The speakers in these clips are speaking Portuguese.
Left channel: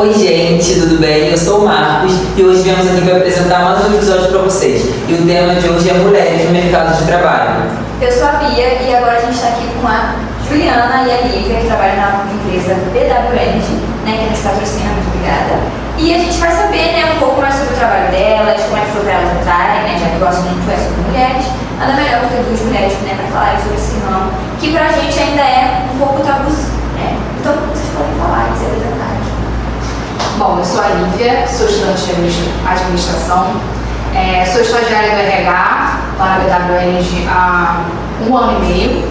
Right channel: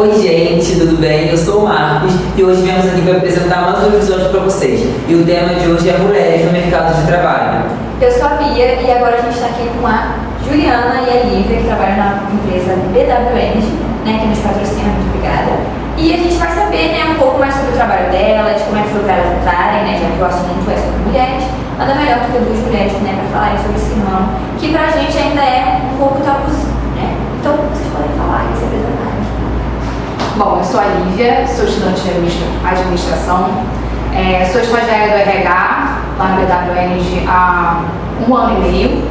Oi gente, tudo bem? Eu sou o Marcos e hoje viemos aqui para apresentar mais um episódio para vocês. E o tema de hoje é mulheres no mercado de trabalho. Eu sou a Bia e agora a gente está aqui com a Juliana e a Lívia, que trabalham na empresa BW Energy, né, que nos patrocina, muito obrigada. E a gente vai saber, né, um pouco mais sobre o trabalho delas, como é que foi para elas entrarem, né, já que o assunto é sobre mulheres. Nada melhor do que duas mulheres, né, para falarem sobre esse ramo, que pra gente ainda é um pouco tabuzinho, né? Então, vocês podem falar e se apresentarem. Bom, eu sou a Lívia, sou estudante de administração, sou estagiária do RH lá na BW Energy há 1 ano e meio.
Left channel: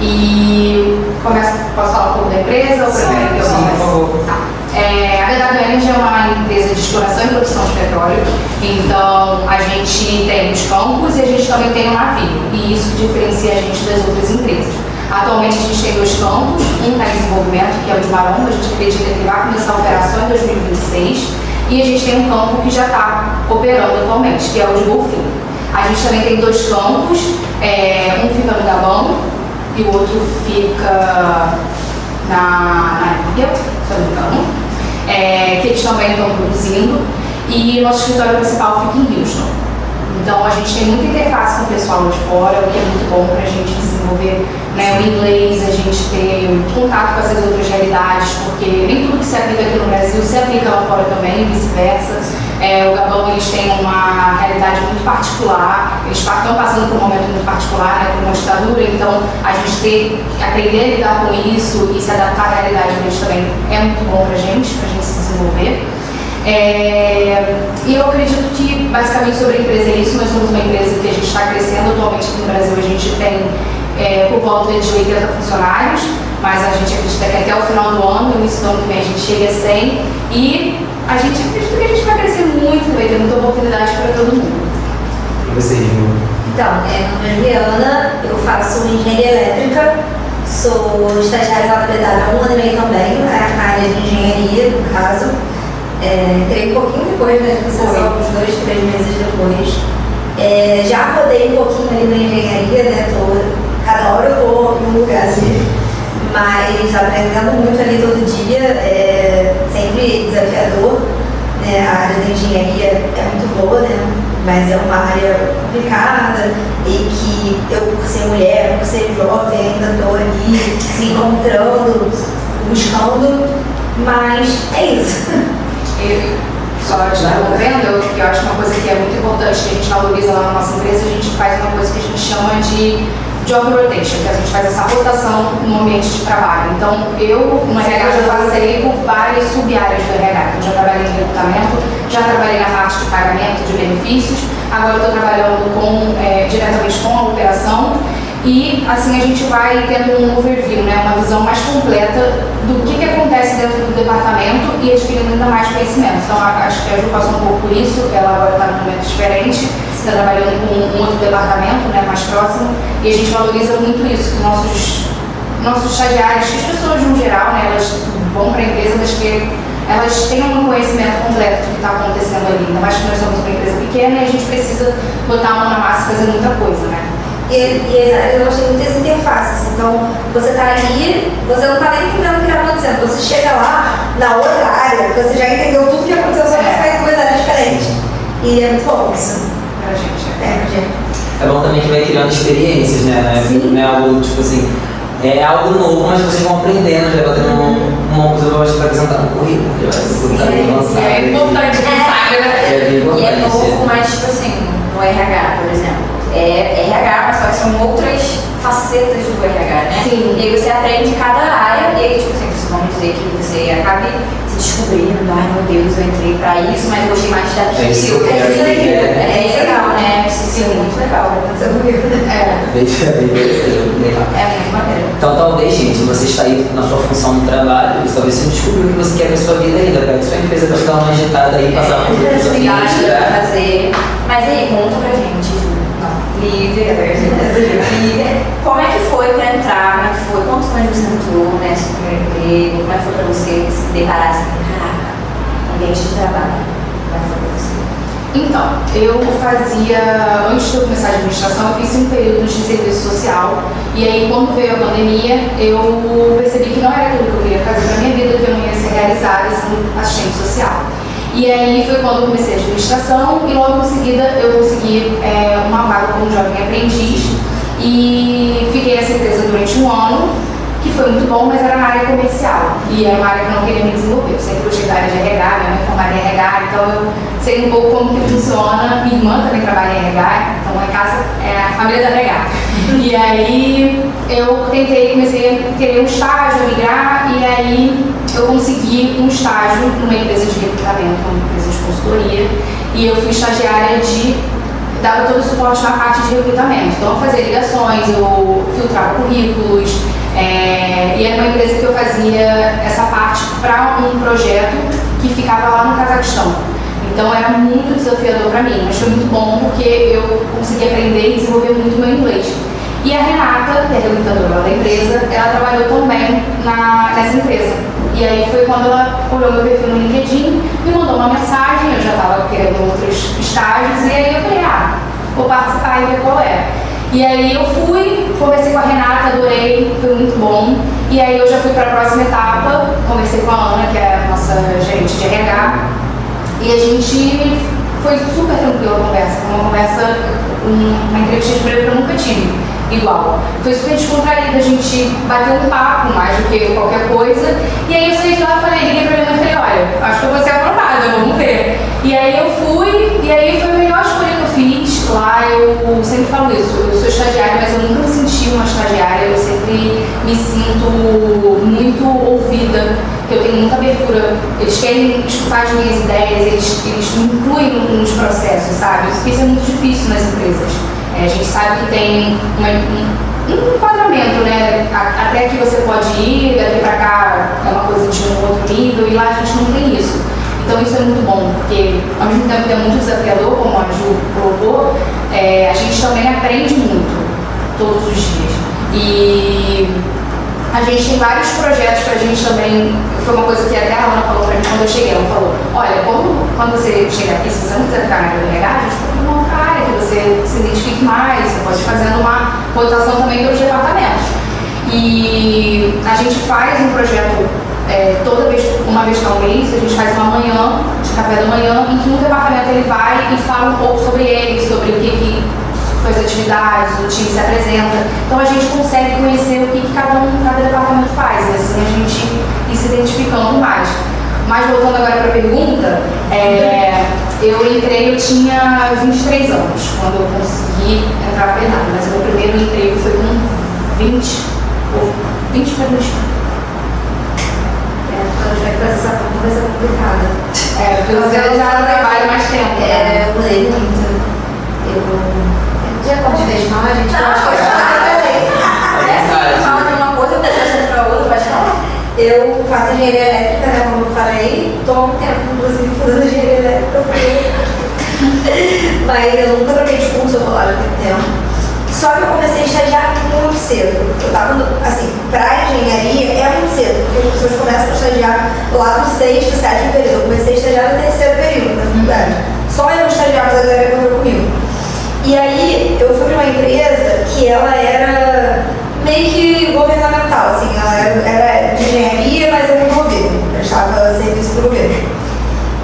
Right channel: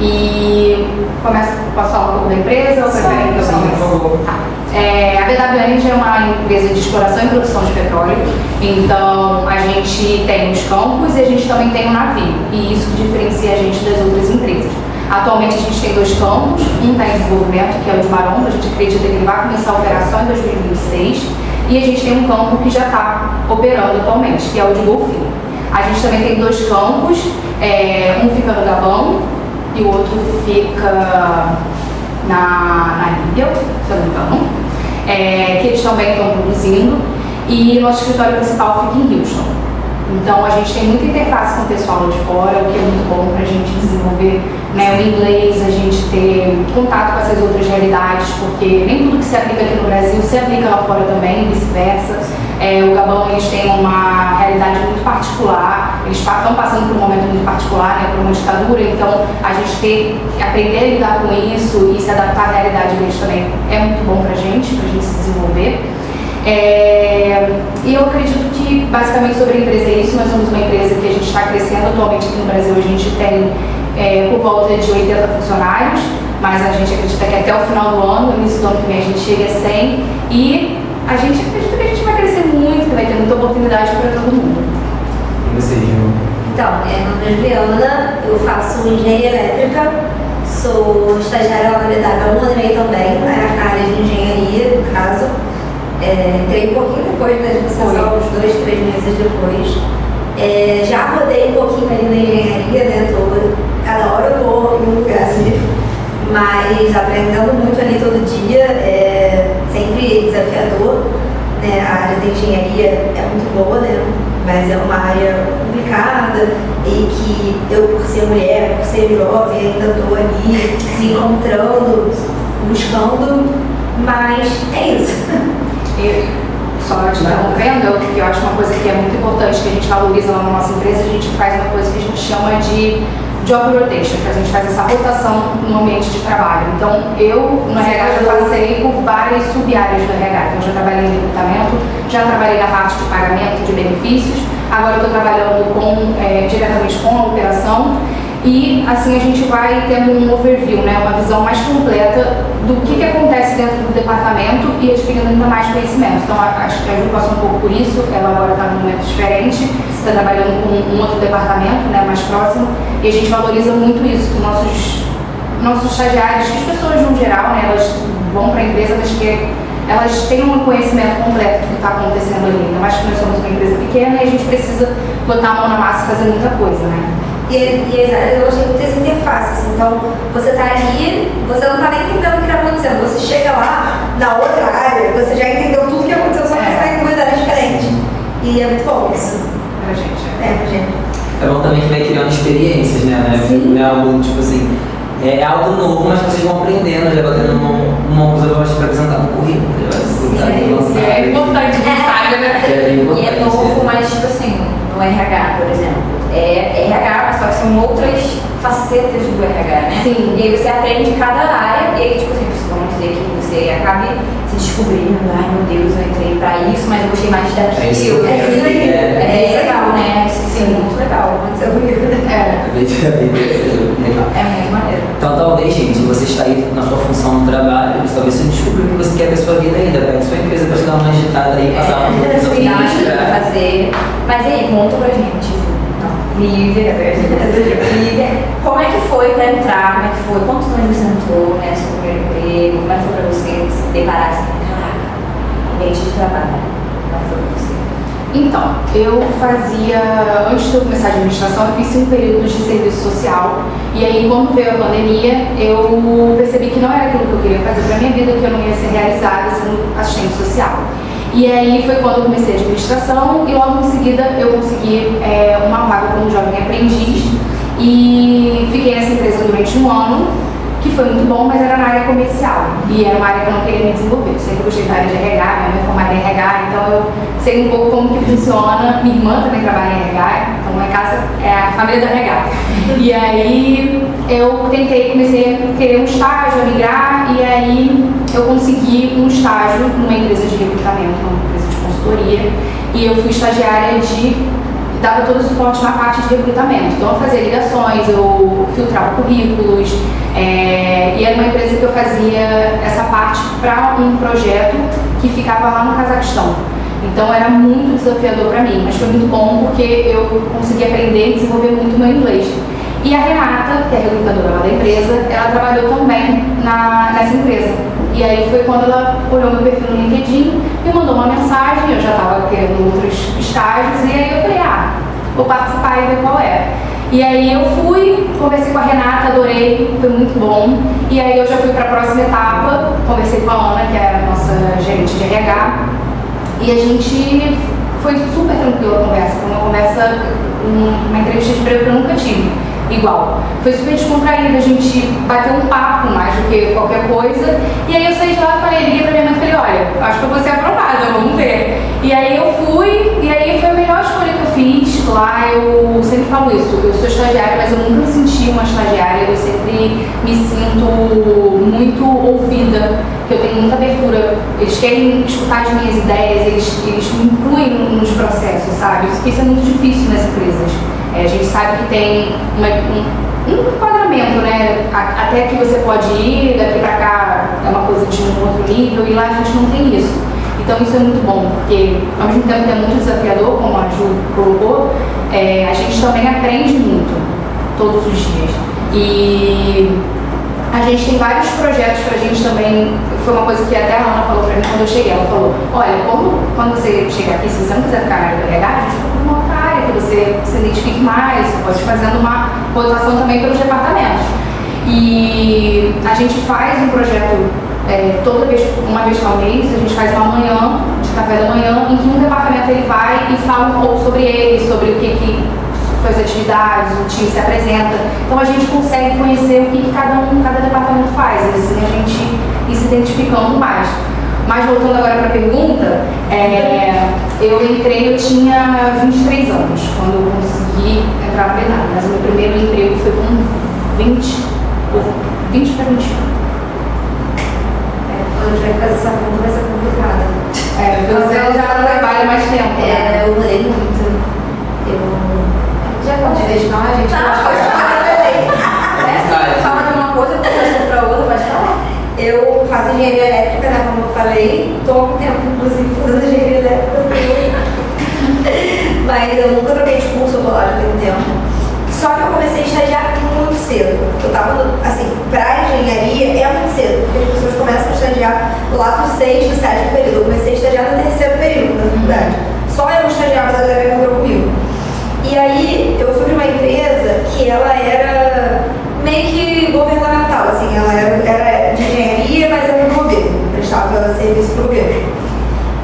E posso falar um pouco da empresa? Ou prefere que eu comece? Por favor. A BW Energy é uma empresa de exploração e produção de petróleo, então a gente tem os campos e a gente também tem o navio, e isso diferencia a gente das outras empresas. Atualmente a gente tem 2 campos, um está em desenvolvimento, que é o de Maromba, a gente acredita que ele vai começar a operação em 2026, e a gente tem um campo que já está operando atualmente, que é o de Golfinho. A gente também tem 2 campos, um fica no Gabão e o outro fica na Líbia, se eu não me engano, que eles também estão produzindo, e nosso escritório principal fica em Houston. Então a gente tem muita interface com o pessoal de fora, o que é muito bom para a gente desenvolver, né, o inglês, a gente ter contato com essas outras realidades, porque nem tudo que se aplica aqui no Brasil se aplica lá fora também, e vice-versa. O Gabão, eles têm uma realidade muito particular, eles estão passando por um momento muito particular, né, por uma ditadura, então a gente aprender a lidar com isso e se adaptar à realidade deles também é muito bom pra gente se desenvolver. E eu acredito que basicamente sobre a empresa é isso. Nós somos uma empresa que a gente está crescendo. Atualmente aqui no Brasil a gente tem por volta de 80 funcionários, mas a gente acredita que até o final do ano, início do ano que vem, a gente chegue a 100, e a gente acredita que a gente vai crescer muito, que vai ter muita oportunidade para todo mundo. E você, Juliana? Então, meu nome é Juliana, eu faço engenharia elétrica, sou estagiária lá na BW há 1 ano e meio também, na área de engenharia, no caso. Entrei um pouquinho depois da administração, uns 2, 3 meses depois. Já rodei um pouquinho ali na engenharia, né? Cada hora eu estou em um lugar assim, mas aprendendo muito ali todo dia, sempre desafiador. A área da engenharia é muito boa, né? Mas é uma área complicada e que eu, por ser mulher, por ser jovem, ainda estou ali me encontrando, buscando, mas é isso. E só te interrompendo, que eu acho uma coisa que é muito importante, que a gente valoriza lá na nossa empresa, a gente faz uma coisa que a gente chama de job rotation, que a gente faz essa rotação no ambiente de trabalho. Então, eu no RH já passei por várias sub-áreas do RH. Então, já trabalhei em recrutamento, já trabalhei na parte de pagamento de benefícios, agora eu estou trabalhando diretamente com a operação, e assim a gente vai tendo um overview, né, uma visão mais completa do que acontece dentro do departamento e adquirindo ainda mais conhecimento. Então acho que a Ju passou um pouco por isso, ela agora está num momento diferente, está trabalhando com um outro departamento, né, mais próximo, e a gente valoriza muito isso, que nossos estagiários, as pessoas no geral, né, elas vão para a empresa, mas que elas tenham um conhecimento completo do que está acontecendo ali, ainda mais que nós somos uma empresa pequena e a gente precisa botar a mão na massa e fazer muita coisa, né? E elas têm muitas interfaces, então você está ali, você não está nem entendendo o que está acontecendo, você chega lá na outra área, você já entendeu tudo que aconteceu, só que você está em 2 áreas diferentes. E é muito bom isso. Pra gente. Pra gente. É bom também que vai criando experiências, né? Não é algo, tipo assim, é algo novo, mas vocês vão aprendendo, já vai tendo uma coisa para apresentar no currículo. É importante, sabe, né? E é novo, mas tipo assim, no RH, por exemplo. RH, mas só que são outras facetas do RH, né? Sim. E aí você aprende cada área, e aí, tipo assim, vamos dizer que você acabe se descobrindo, ai meu Deus, eu entrei pra isso, mas eu gostei mais daquilo. Isso É legal, né? Sim, muito legal. Isso é bonito, né? É muito maneiro. Então talvez, gente, você está aí na sua função no trabalho, talvez você descobriu o que você quer com a sua vida ainda, pega sua empresa para te dar uma agitada aí, passar por outros Sim, né? fazer. Mas aí, conta pra gente, Lívia, como é que foi para entrar, como é que foi, quantos anos você entrou, né, seu primeiro emprego, como é que foi para você se deparar assim, caraca, ambiente de trabalho, como é que foi para você? Então, eu fazia, antes de eu começar a administração, eu fiz um período de serviço social. E aí, quando veio a pandemia, eu percebi que não era aquilo que eu queria fazer para minha vida, que eu não ia ser realizada sendo assistente social. E aí foi quando eu comecei a administração e logo em seguida eu consegui uma vaga como jovem aprendiz e fiquei nessa empresa durante um ano, que foi muito bom, mas era na área comercial e era uma área que eu não queria me desenvolver. Eu sempre gostei da área de RH, minha mãe é formada em RH, então eu sei um pouco como que funciona. Minha irmã também trabalha em RH, então lá em casa é a família da RH. E aí eu comecei a querer um estágio, a migrar, e aí eu consegui um estágio numa empresa de recrutamento, uma empresa de consultoria, e eu fui estagiária dava todo o suporte na parte de recrutamento. Então eu fazia ligações, eu filtrava currículos, e era uma empresa que eu fazia essa parte para um projeto que ficava lá no Cazaquistão. Então era muito desafiador para mim, mas foi muito bom porque eu consegui aprender e desenvolver muito meu inglês. E a Renata, que é a recrutadora da empresa, ela trabalhou também nessa empresa. E aí foi quando ela olhou meu perfil no LinkedIn, me mandou uma mensagem, eu já estava querendo outros estágios, e aí eu falei, vou participar e ver qual é. E aí eu fui, conversei com a Renata, adorei, foi muito bom. E aí eu já fui para a próxima etapa, conversei com a Ana, que é a nossa gerente de RH, e a gente foi super tranquila a conversa, foi uma conversa, uma entrevista de emprego que eu nunca tive. Igual. Foi super descontraída, a gente bateu um papo mais do que qualquer coisa. E aí eu saí de lá, liguei pra minha mãe e falei, olha, acho que eu vou ser aprovada, vamos ver. E aí eu fui, e aí foi a melhor escolha que eu fiz. Lá eu sempre falo isso, eu sou estagiária, mas eu nunca me senti uma estagiária, eu sempre me sinto muito ouvida, que eu tenho muita abertura. Eles querem escutar as minhas ideias, eles me incluem nos processos, sabe? Isso é muito difícil nas empresas. A gente sabe que tem um enquadramento, né? Até que você pode ir, daqui pra cá é uma coisa de um outro nível, e lá a gente não tem isso. Então isso é muito bom, porque ao mesmo tempo que é muito desafiador, como a Ju colocou, a gente também aprende muito, todos os dias. E a gente tem vários projetos pra gente também, foi uma coisa que até a Ana falou pra mim quando eu cheguei, ela falou, olha, quando você chegar aqui, se você não quiser ficar na área do RH, a gente procura uma outra área que você se identifique mais, você pode ir fazendo uma rotação também pelos departamentos. E a gente faz um projeto uma vez por mês, a gente faz uma manhã, de café da manhã, em que um departamento ele vai e fala um pouco sobre ele, sobre o que as atividades, o time se apresenta. Então a gente consegue conhecer o que cada departamento faz, e assim a gente ir se identificando mais. Mas voltando agora para a pergunta, eu tinha 23 anos quando eu consegui entrar na PEDAB, mas o meu primeiro emprego foi com 20 para 21. Quando a gente vai fazer essa pergunta vai ser complicada. Porque você já trabalha mais tempo. Eu mudei muito. Já quando de vez não, a gente Fala de uma coisa, depois para outra, pode falar? Eu faço engenharia elétrica, né, como eu falei, estou há um tempo, inclusive, fazendo engenharia elétrica. Mas eu nunca troquei de curso, eu vou lá já tem tempo. Só que eu comecei a estagiar muito cedo. Eu tava, assim, pra engenharia é muito cedo, porque as pessoas começam a estagiar lá do 6º, 7º período. Eu comecei a estagiar no 3º período da faculdade. Só eu estagiava da galera que entrou comigo. E aí eu fui para uma empresa que ela era meio que governamental, assim, ela era de engenharia, mas era do governo, prestava serviço para o governo.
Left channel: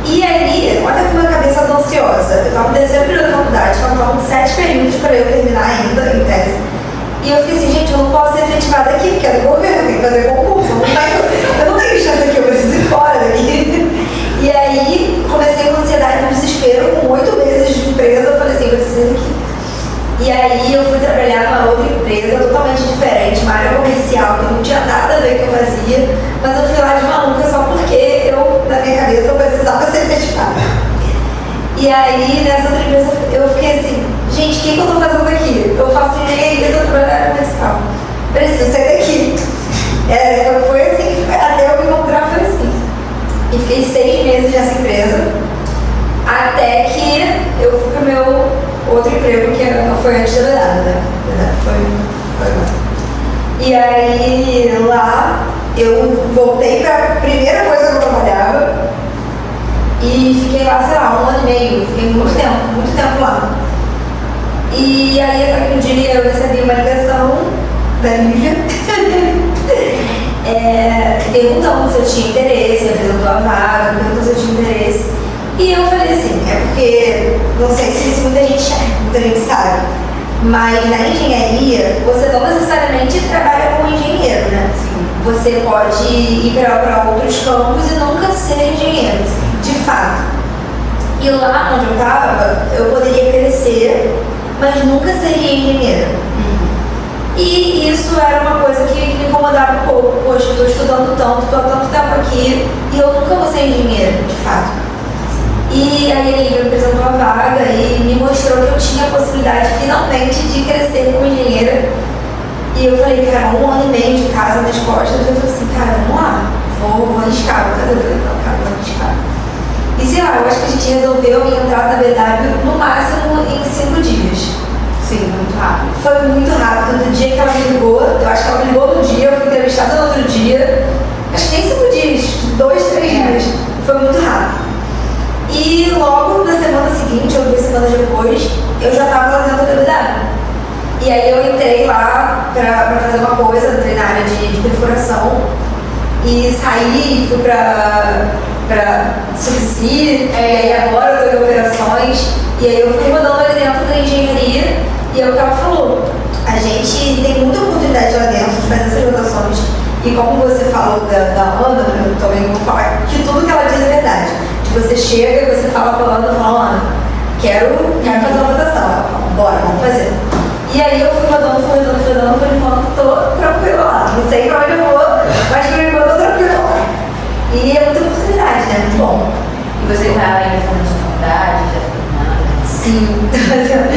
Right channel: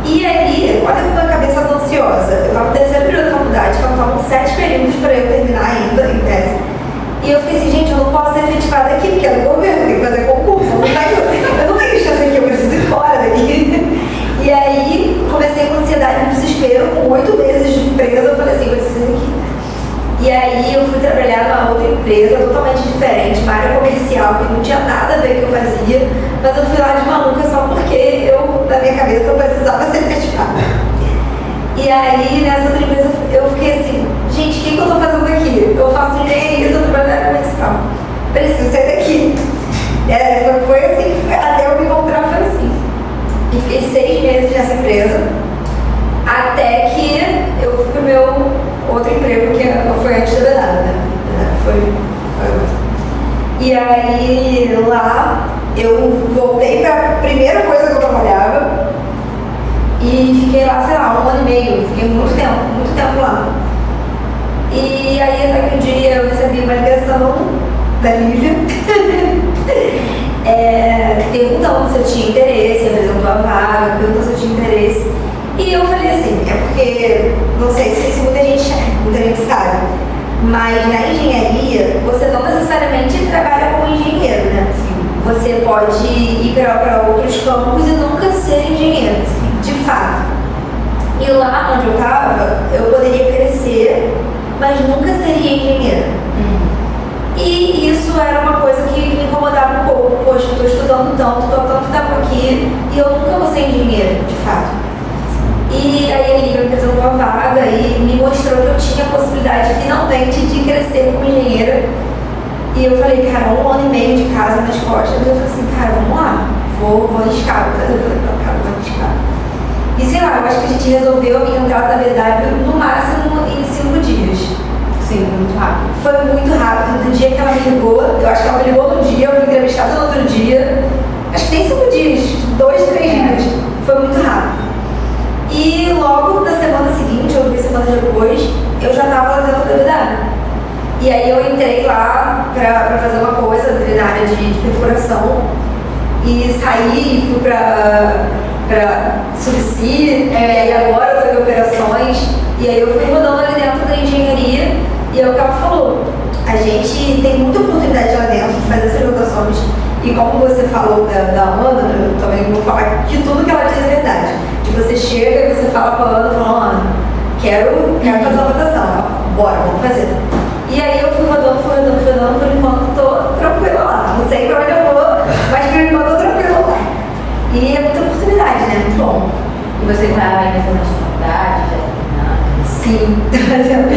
E aí, olha como a minha cabeça tá ansiosa, eu estava no 3º período da faculdade, faltavam 7 períodos para eu terminar ainda, em tese. E eu fiquei assim, gente, eu não posso ser efetivada aqui, porque é do governo, tem que fazer concurso, eu não tenho chance aqui, eu preciso ir embora daqui. E aí, comecei com ansiedade, com desespero, com 8 meses de empresa, eu falei assim, eu preciso ir aqui. E aí, eu fui trabalhar numa outra empresa, totalmente diferente, uma área comercial, que não tinha nada a ver com o que eu fazia, mas eu fui lá de maluca só porque eu, na minha cabeça, eu precisava ser efetivada. E aí, nessa outra empresa, eu fiquei assim, gente, o que eu tô fazendo aqui? Eu faço engenharia, eu tô trabalhando na área comercial. Preciso sair daqui. Foi assim, até eu me encontrar, foi assim. E fiquei 6 meses nessa empresa, até que eu fui pro meu outro emprego, que foi antes da verdade, né? Foi. E aí, lá, eu voltei pra primeira coisa que eu trabalhava e fiquei lá, sei lá, 1 ano e meio. Fiquei muito tempo E aí até que um dia eu recebi uma ligação da Lívia perguntando se eu tinha interesse, apresentou a vaga, perguntou se eu tinha interesse. E eu falei assim, é porque, não sei se muita gente sabe, mas na engenharia você não necessariamente trabalha como engenheiro, né? Você pode ir para outros campos e nunca ser engenheiro, de fato. E lá onde eu estava, eu poderia crescer, mas nunca seria engenheira. E isso era uma coisa que me incomodava um pouco. Poxa, eu estou estudando tanto, estou há tanto tempo aqui e eu nunca vou ser engenheira, de fato. E aí a Lívia me apresentou a vaga e me mostrou que eu tinha a possibilidade finalmente de crescer como engenheira. E eu falei, cara, 1 ano e meio de casa nas costas. Eu falei assim, cara, vamos lá, vou arriscar, vou fazer. Eu falei, não, cara, vou arriscar. E sei lá, eu acho que a gente resolveu entrar na BW no máximo em 5 dias. Sim, muito rápido. Foi muito rápido. Do dia que ela me ligou, eu acho que ela me ligou no dia, eu fui entrevistada no outro dia. Acho que nem 5 dias, 2, 3 dias. Foi muito rápido. E logo na semana seguinte, ou 2 semanas depois, eu já estava lá dentro da BW. E aí eu entrei lá pra fazer uma coisa, entrei na área de perfuração e saí e fui pra Subici, e aí agora eu tô em operações, e aí eu fui mudando ali dentro da engenharia, e é o que ela falou. A gente tem muita oportunidade lá dentro de fazer essas rotações, e como você falou da Ana, eu também vou falar que tudo que ela diz é verdade. Você chega e você fala com a Ana, fala, Ana, quero fazer uma rotação. Ela fala, bora, vamos fazer. E aí eu fui rodando, por enquanto tô tranquila lá. Não sei pra onde eu vou, mas por enquanto tô tranquila lá. E é muita oportunidade, né? Muito bom. E você tá aí fazendo sua faculdade, já tá terminando? Sim, tô fazendo.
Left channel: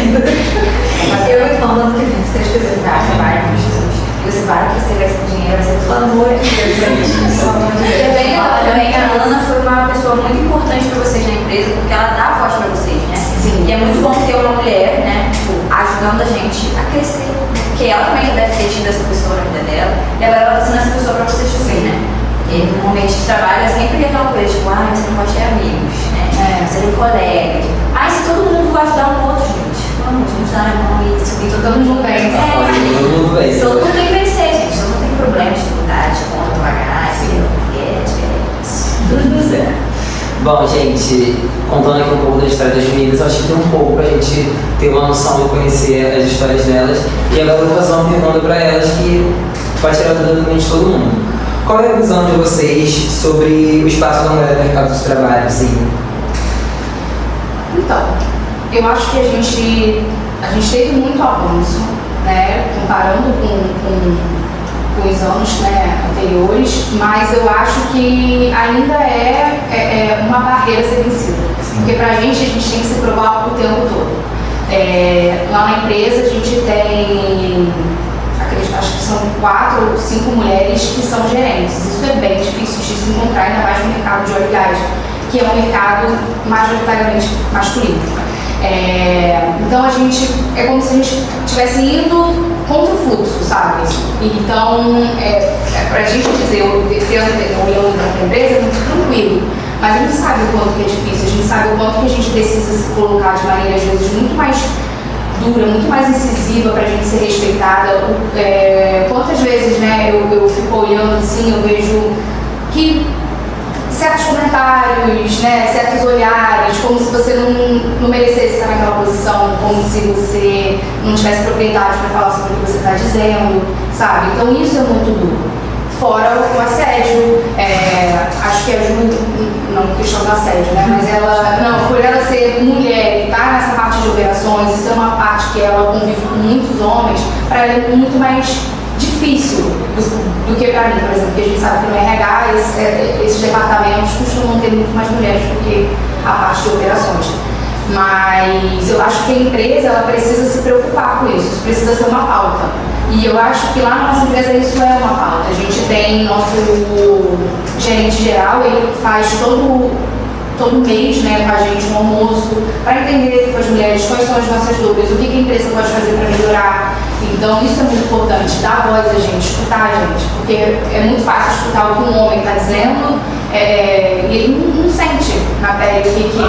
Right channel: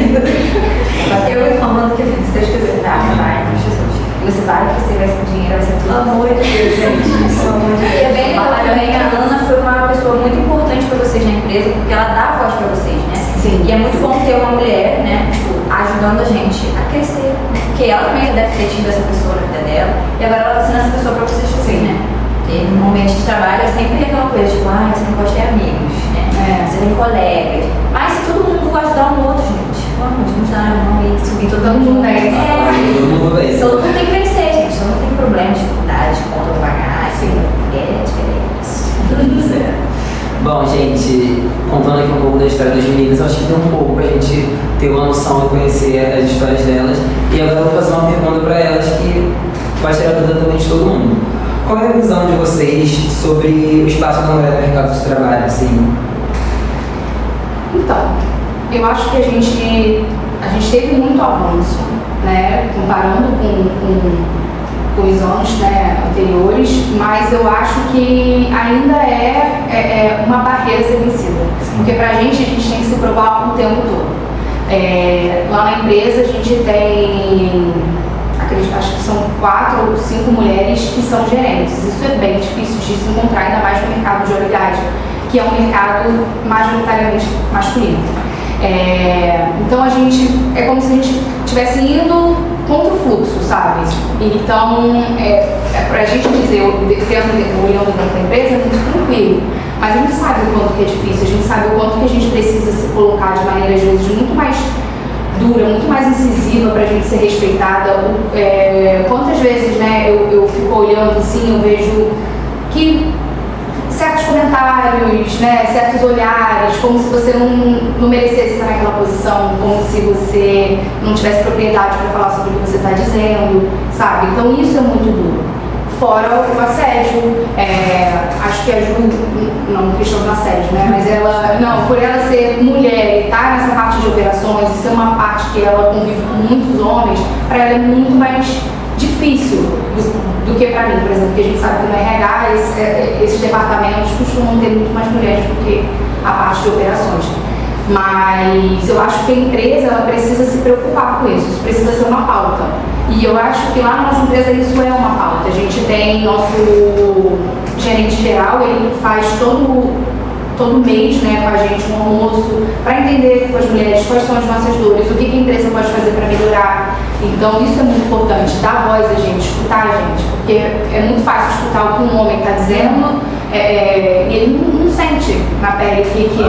Eu me falo ano que vem, se Deus quiser. Vai, e você vai crescer, vai ser dinheiro, vai ser tudo. Pelo amor de Deus, gente. Pelo amor de Deus. E é bem legal também, a Ana foi uma pessoa muito importante pra vocês na empresa, porque ela dá voz pra vocês, né? Sim. E é muito bom ter uma mulher, né, tipo, ajudando a gente a crescer. Porque ela também já deve ter tido essa pessoa na vida dela, e agora ela tá sendo essa pessoa pra vocês também, né? E no ambiente de trabalho é sempre aquela coisa, tipo, você não pode ter amigos, né? Você tem colegas. Mas se todo mundo ajudar um outro, gente, vamos dar na mão e subir todo mundo bem. Todo mundo tem que crescer, gente. Todo mundo tem problemas, dificuldades, conta pra pagar, tudo certo. Bom, gente, contando aqui um pouco da história das meninas, acho que tem um pouco pra gente ter uma noção e conhecer as histórias delas. E agora eu vou fazer uma pergunta pra elas que pode tirar dúvida também de todo mundo. Qual é a visão de vocês sobre o espaço da mulher no mercado de trabalho, assim? Então, eu acho que a gente teve muito avanço, né, comparando com os anos, né, anteriores, mas eu acho que ainda é uma barreira a ser vencida. Porque pra gente tem que se provar o tempo todo. Lá na empresa a gente tem, acho que são 4 ou 5 mulheres que são gerentes. Isso é bem difícil de se encontrar, ainda mais no mercado de óleo e gás, que é um mercado majoritariamente masculino. Então é como se a gente estivesse indo contra o fluxo, sabe? Então, pra gente dizer, olhando para a empresa, é muito tranquilo, mas a gente sabe o quanto que é difícil, a gente sabe o quanto que a gente precisa se colocar de maneira, às vezes, muito mais dura, muito mais incisiva pra gente ser respeitada. Quantas vezes, né, eu fico olhando assim, eu vejo que certos comentários, né, certos olhares, como se você não merecesse estar naquela posição, como se você não tivesse propriedade para falar sobre o que você está dizendo, sabe? Então isso é muito duro. Fora o assédio, acho que a Ju, não questão do assédio, né, mas por ela ser mulher e estar nessa parte de operações, isso é uma parte que ela convive com muitos homens, para ela é muito mais difícil do que para mim, por exemplo, porque a gente sabe que no RH esses departamentos costumam ter muito mais mulheres do que a parte de operações. Mas eu acho que a empresa ela precisa se preocupar com isso precisa ser uma pauta. E eu acho que lá na nossa empresa isso é uma pauta. A gente tem nosso gerente geral, ele faz todo mês, né, com a gente um almoço para entender com as mulheres quais são as nossas dores, o que a empresa pode fazer para melhorar. Então isso é muito importante, dar voz a gente, escutar a gente, porque é muito fácil escutar o que um homem está dizendo e ele não sente na pele que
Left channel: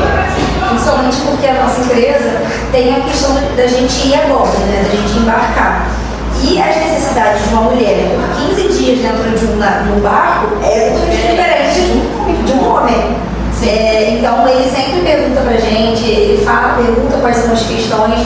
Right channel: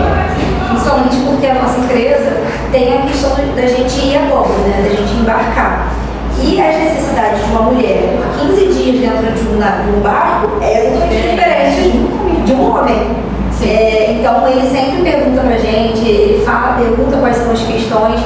Principalmente porque a nossa empresa tem a questão da gente ir a bordo, né? Da gente embarcar. E as necessidades de uma mulher por 15 dias dentro de um barco é totalmente diferente de um homem. Então ele sempre pergunta pra gente, ele pergunta quais são as questões.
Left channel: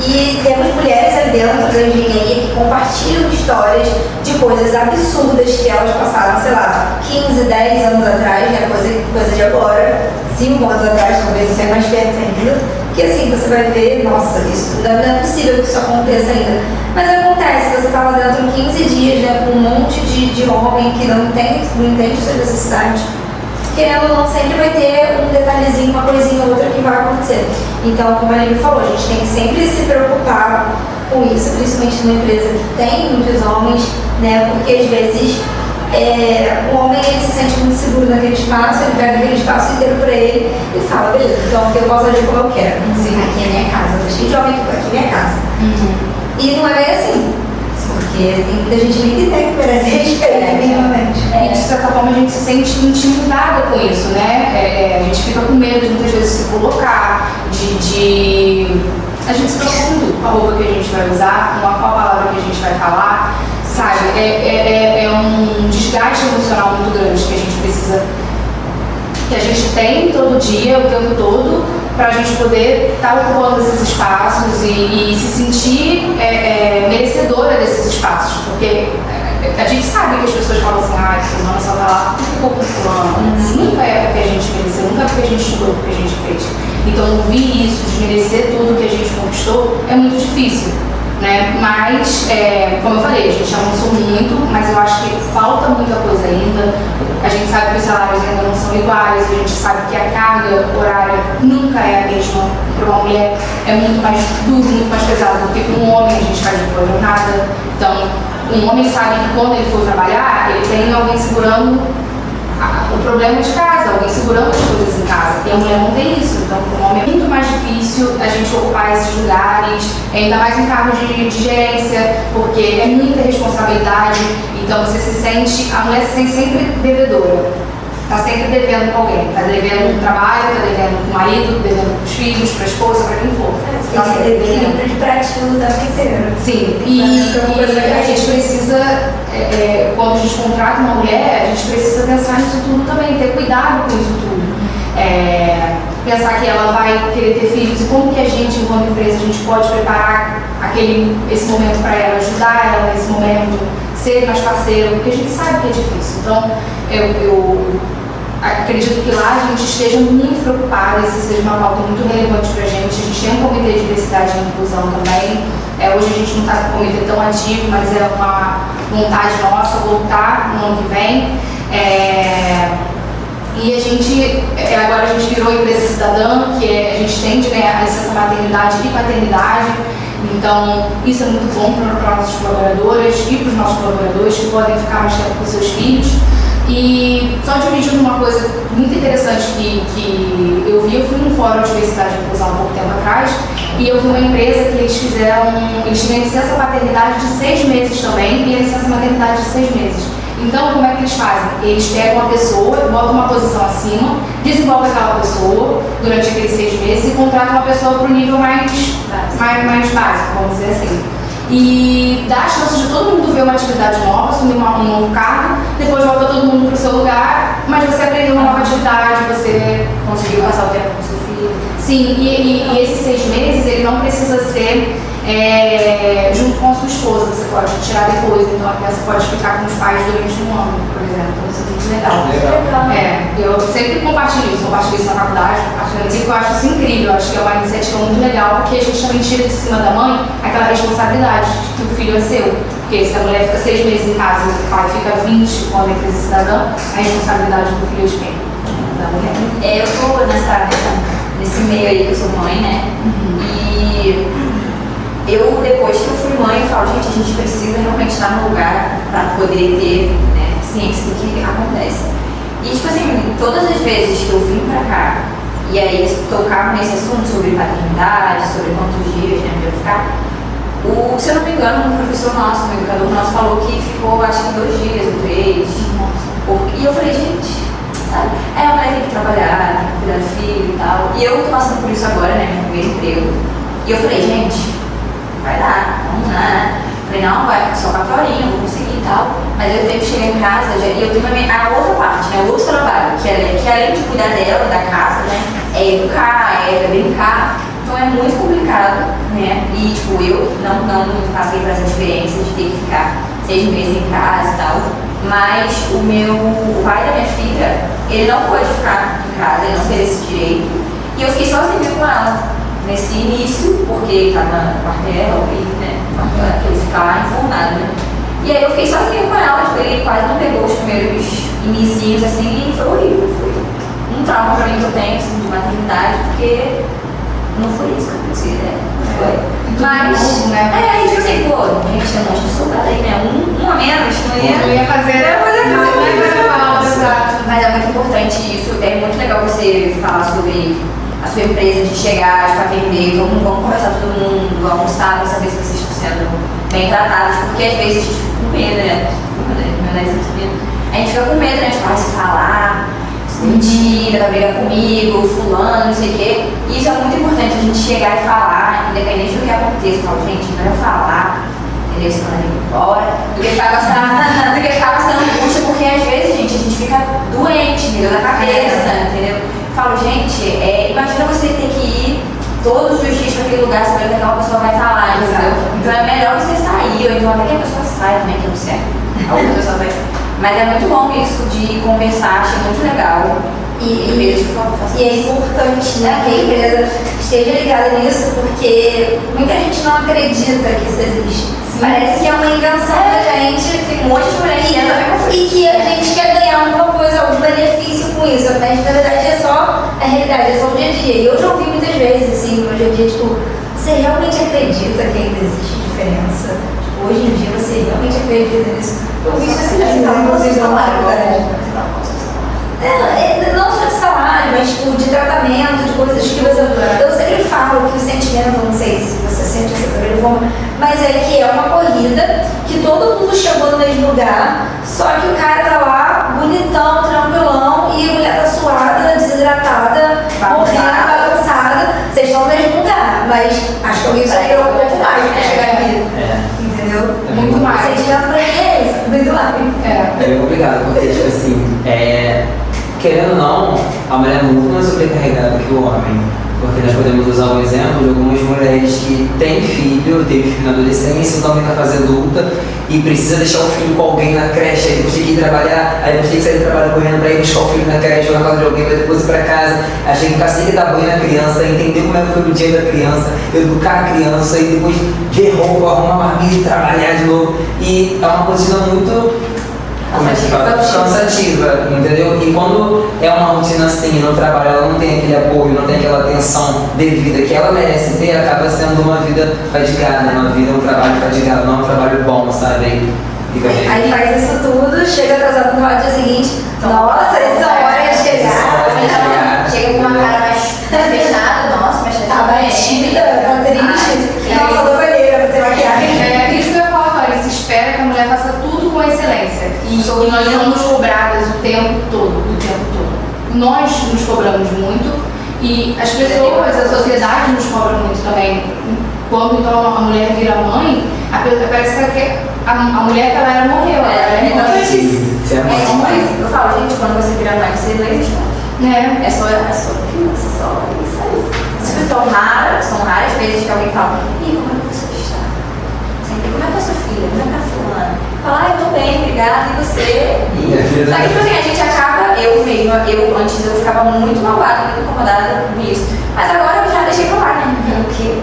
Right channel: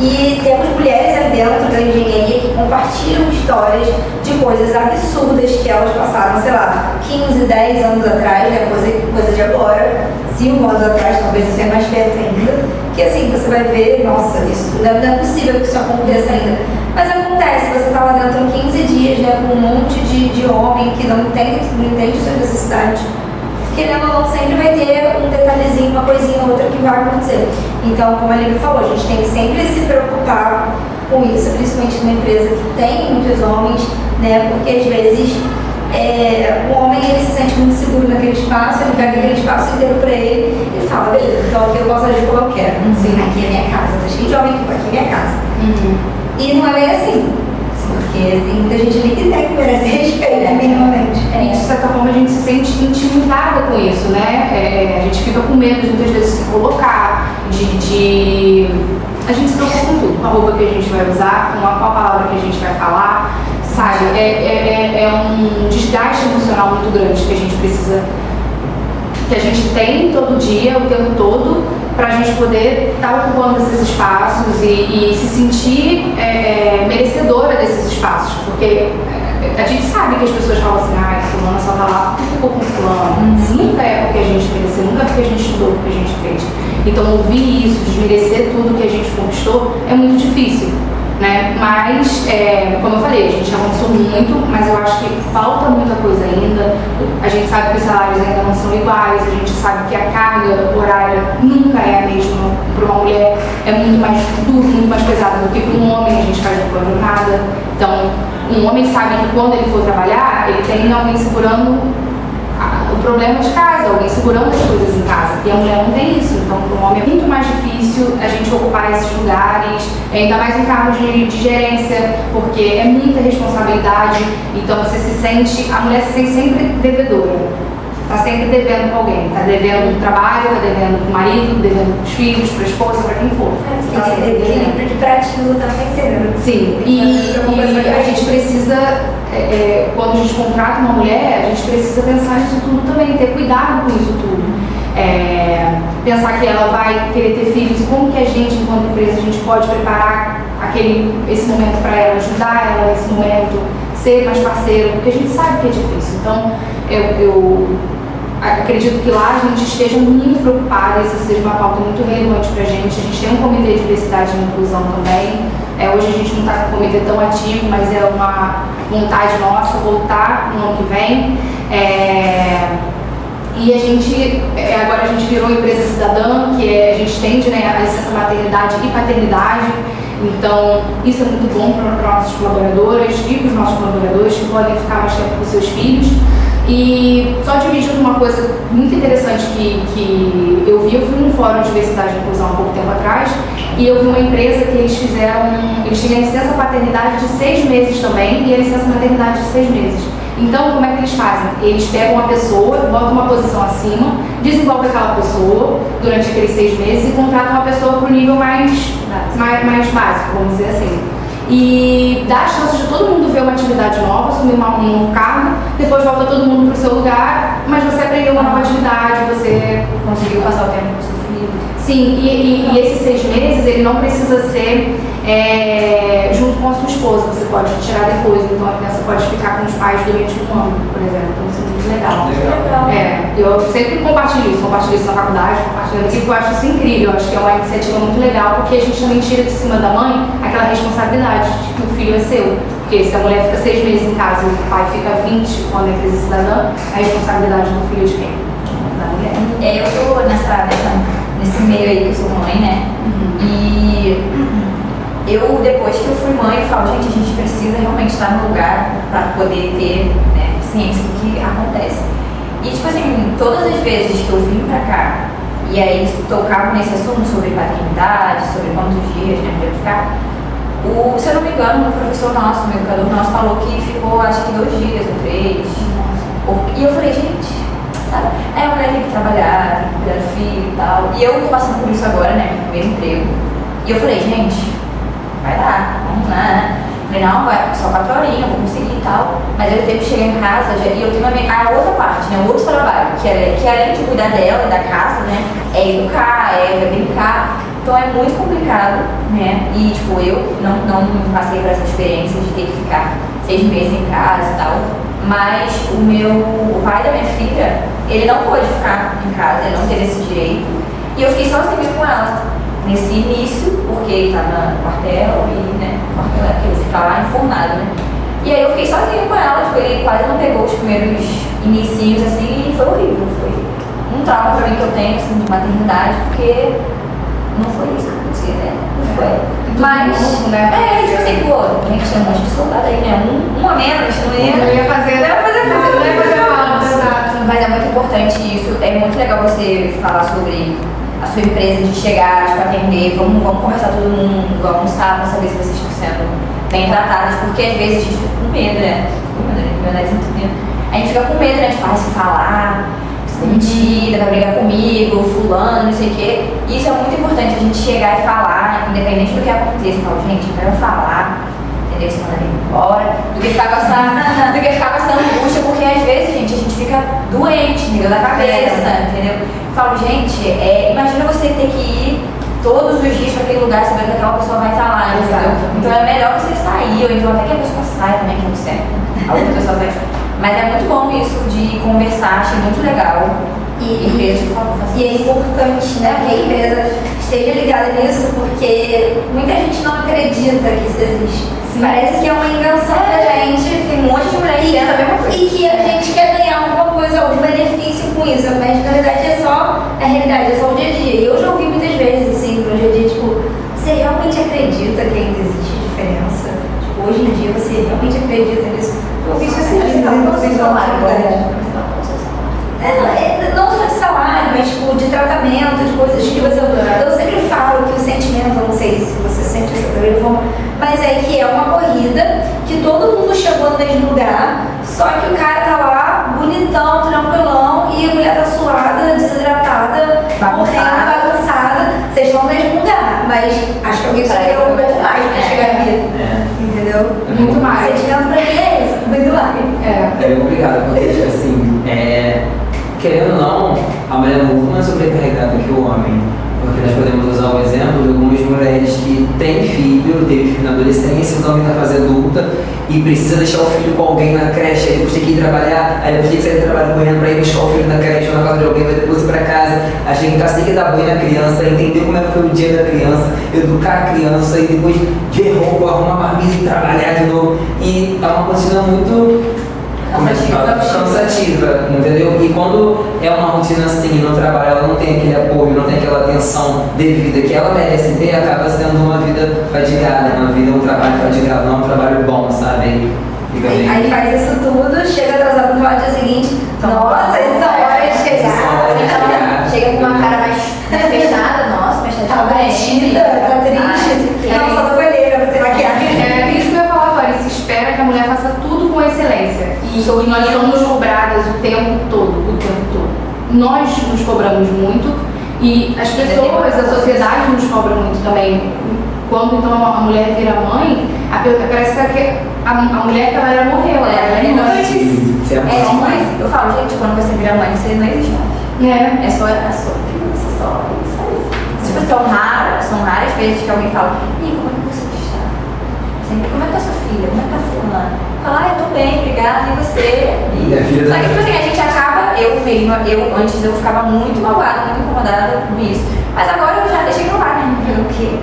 E temos mulheres ali dentro da engenharia que compartilham histórias de coisas absurdas que elas passaram, sei lá, 15, 10 anos atrás, né? Coisa de agora, 5 anos atrás, talvez você é mais perto ainda. Que assim, você vai ver, nossa, isso não é possível que isso aconteça ainda. Mas acontece, você tá lá dentro 15 dias, né, com um monte de homem que não entende suas necessidades. Querendo ou não, sempre vai ter um detalhezinho, uma coisinha ou outra que vai acontecer. Então, como a Lívia falou, a gente tem que sempre se preocupar com isso, principalmente numa empresa que tem muitos homens, né? Porque às vezes o homem ele se sente muito seguro naquele espaço, ele pega aquele espaço inteiro pra ele e fala, beleza, então eu posso agir como eu quero. Sim, aqui é minha casa, tá cheio de homem aqui é minha casa. E não é bem assim. Porque tem muita gente ali que tem que merece respeito, minimamente. E de certa forma a gente se sente intimidada com isso, né? A gente fica com medo de muitas vezes se colocar, a gente se preocupa com tudo, com a roupa que a gente vai usar, com qual palavra que a gente vai falar, sabe? É um desgaste emocional muito grande que a gente precisa, que a gente tem todo dia, o tempo todo, para a gente poder estar ocupando esses espaços e se sentir merecedora desses espaços, porque a gente sabe que as pessoas falam assim, fulano só tá lá porque ficou com fulano. Nunca é porque a gente mereceu, nunca é porque a gente estudou, porque a gente fez. Então ouvir isso, desmerecer tudo que a gente conquistou é muito difícil, né? Mas, como eu falei, a gente avançou muito, mas eu acho que falta muita coisa ainda. A gente sabe que os salários ainda não são iguais, a gente sabe que a carga horária nunca é a mesma. Para uma mulher é muito mais duro, muito mais pesado do que para um homem, a gente faz uma jornada. Então, um homem sabe que quando ele for trabalhar, ele tem alguém segurando o problema de casa, alguém segurando as coisas em casa. E a mulher não tem isso, então para um homem é muito mais difícil a gente ocupar esses lugares, ainda mais em cargos de gerência, porque é muita responsabilidade, então você se sente, a mulher se sente sempre devedora. Tá sempre devendo com alguém, tá devendo no trabalho, tá devendo com o marido, devendo com os filhos, pra esposa, pra quem for. Tem que ser equilíbrio de pratinho da inteira. Sim, e a gente precisa, quando a gente contrata uma mulher, a gente precisa pensar nisso tudo também, ter cuidado com isso tudo. Pensar que ela vai querer ter filhos e como que a gente, enquanto empresa, a gente pode preparar esse momento para ela, ajudar ela nesse momento, ser mais parceiro, porque a gente sabe que é difícil. Então, eu acredito que lá a gente esteja muito preocupada, isso seja uma pauta muito relevante para a gente. A gente tem um comitê de diversidade e inclusão também. Hoje a gente não está com um comitê tão ativo, mas é uma vontade nossa voltar no ano que vem. E a gente, agora a gente virou empresa cidadã, que a gente tende, né, a licença maternidade e paternidade. Então, isso é muito bom para nossas colaboradoras e para os nossos colaboradores que podem ficar mais tempo com seus filhos. E só dividindo uma coisa muito interessante que eu fui num fórum de diversidade e inclusão há pouco tempo atrás, e eu vi uma empresa que eles tinham licença paternidade de 6 meses também e a licença maternidade de 6 meses. Então, como é que eles fazem? Eles pegam uma pessoa, botam uma posição acima, desenvolvem aquela pessoa durante aqueles 6 meses e contratam uma pessoa para o nível mais básico, vamos dizer assim. E dá a chance de todo mundo ver uma atividade nova, assumir um novo cargo, depois volta todo mundo para o seu lugar, mas você aprendeu uma nova atividade, você Conseguiu passar o tempo com seu filho. Sim, e esses 6 meses, ele não precisa ser junto com a sua esposa, você pode tirar depois, então a criança pode ficar com os pais durante um ano, por exemplo, isso é muito legal. Eu sempre compartilho isso na faculdade, compartilho aqui, porque eu acho isso incrível, eu acho que é uma iniciativa muito legal, porque a gente também tira de cima da mãe aquela responsabilidade de que o filho é seu. Porque se a mulher fica 6 meses em casa e o pai fica 20 quando é empresa cidadã, a responsabilidade do filho é de quem? Da mulher. Eu tô nesse meio aí que eu sou mãe, né? E eu, depois que eu fui mãe, eu falo, gente, a gente precisa realmente estar no lugar para poder ter, né, ciência do que acontece. E, tipo assim, todas as vezes que eu vim pra cá, e aí tocava nesse assunto sobre paternidade, sobre quantos dias, né, deve ficar, se eu não me engano, um professor nosso, um educador nosso, falou que ficou, acho que 2 dias ou 3. E eu falei, gente, sabe, a mulher tem que trabalhar, tem que cuidar do filho e tal. E eu tô passando por isso agora, né, meu primeiro emprego. E eu falei, gente, vai dar, vamos lá, né? Falei, não, vai, só 4 horinhas, eu vou conseguir e tal. Mas eu tenho que chegar em casa e eu tenho a outra parte, né? O outro trabalho, que além de cuidar dela, da casa, né? É educar, é brincar. Então é muito complicado, né? E tipo, eu não passei por essa experiência de ter que ficar 6 meses em casa e tal. Mas o pai da minha filha, ele não pôde ficar em casa, ele não teve esse direito. E eu fiquei sozinha com ela nesse início, porque ele estava no quartel e, né? O quartel é que ele fica lá informado, né? E aí eu fiquei sozinha com ela, tipo, ele quase não pegou os primeiros inicinhos assim e foi horrível. Foi um trauma pra mim que eu tenho, assim, de maternidade, porque não foi isso que eu pensei, né? Não foi. Mas, né? Tipo assim, pô, a gente tem um monte de soldado aí, né? Um a menos, Não ia fazer falta, exato. Mas é muito importante isso, é muito legal você falar sobre a sua empresa, de chegar, de atender, vamos conversar todo mundo, almoçar pra saber se vocês estão sendo bem tratados, porque às vezes a gente fica com medo, né? A gente fica com medo, né? Tipo, se falar, se mentira, vai brigar comigo, fulano, não sei o quê. E isso é muito importante, a gente chegar e falar, independente do que aconteça. Fala, gente, eu quero falar, entendeu? Você manda ele embora, do que ficar passando angústia, porque às vezes, gente, a gente fica doente, entendeu? Da cabeça, entendeu? Eu falo, gente, imagina você ter que ir todos os dias para aquele lugar, você vai ver que aquela pessoa vai estar lá, entendeu? Então é melhor você sair, ou então até que a pessoa sai também, que não sei. A outra pessoa vai. Mas é muito bom isso de conversar, achei muito legal. E é importante, né, que a empresa esteja ligada nisso, porque muita gente não acredita que isso existe. Parece que é uma invenção da gente. Tem um monte de mulher que a mesma coisa. E que a gente quer ganhar alguma coisa, algum benefício com isso, mas na verdade é só a realidade, é só o dia a dia. E eu já ouvi muitas vezes, assim, pro dia a dia, tipo, você realmente acredita que ainda existe diferença? Tipo, hoje em dia você realmente acredita nisso? Eu ouvi isso assim, não só de salário, mas tipo, de tratamento, de coisas que você. Eu sempre falo que o sentimento, eu não sei se você sente essa primeira forma, mas é que é uma corrida que todo mundo chegou no mesmo lugar, só que o cara tá lá bonitão, tranquilão, e a mulher tá suada, desidratada, morrendo, bagunçada. Vocês estão no mesmo lugar, mas acho que alguém sofreu um pouco mais pra chegar aqui. Entendeu? Muito mais. O sentimento pra ele é esse, muito mais. É complicado, porque, tipo assim, querendo ou não, a mulher é muito mais sobrecarregada que o homem. Porque nós podemos usar o exemplo de algumas mulheres que têm filho, teve filho na adolescência, então está na fase adulta e precisa deixar o filho com alguém na creche, aí depois tem que ir trabalhar, aí depois tem que sair do trabalho correndo para ir buscar o filho na creche, ou na casa de alguém, vai depois ir para casa, aí tem que assim que dar banho na criança, entender como é que foi o dia da criança, educar a criança e depois ver roupa, arrumar marmita e trabalhar de novo. E é uma rotina muito cansativa, entendeu? E quando é uma rotina assim, no trabalho ela não tem aquele apoio, não tem aquela atenção devida que ela merece ter, acaba sendo uma vida fadigada, um trabalho fadigado, não é um trabalho bom, sabe? Aí faz isso tudo, chega atrasado no dia seguinte, nossa, isso é hora de chegar. Chega com uma cara mais fechada, nossa, mas tá batida, tá triste. Não, só do banheiro, você maquiagem. É isso que eu ia falar agora, se espera que a mulher faça tudo com excelência. E nós somos cobradas o tempo todo. Nós nos cobramos muito e as pessoas, a sociedade nos cobra muito também. Quando então a mulher vira mãe, parece que a mulher que ela era morreu, ela era inocente. Eu falo, gente, quando você vira mãe, você não existe mais. É só criança, só isso. São raras vezes que alguém fala, ih, como é que você está? Sempre, como é que é sua filha? Como é que tá fulano? Fala, eu tô bem, obrigada, e você? Só que, tipo assim, a gente acaba, antes eu ficava muito magoada, muito incomodada com isso. Mas agora eu já deixei pra lá, né? O quê?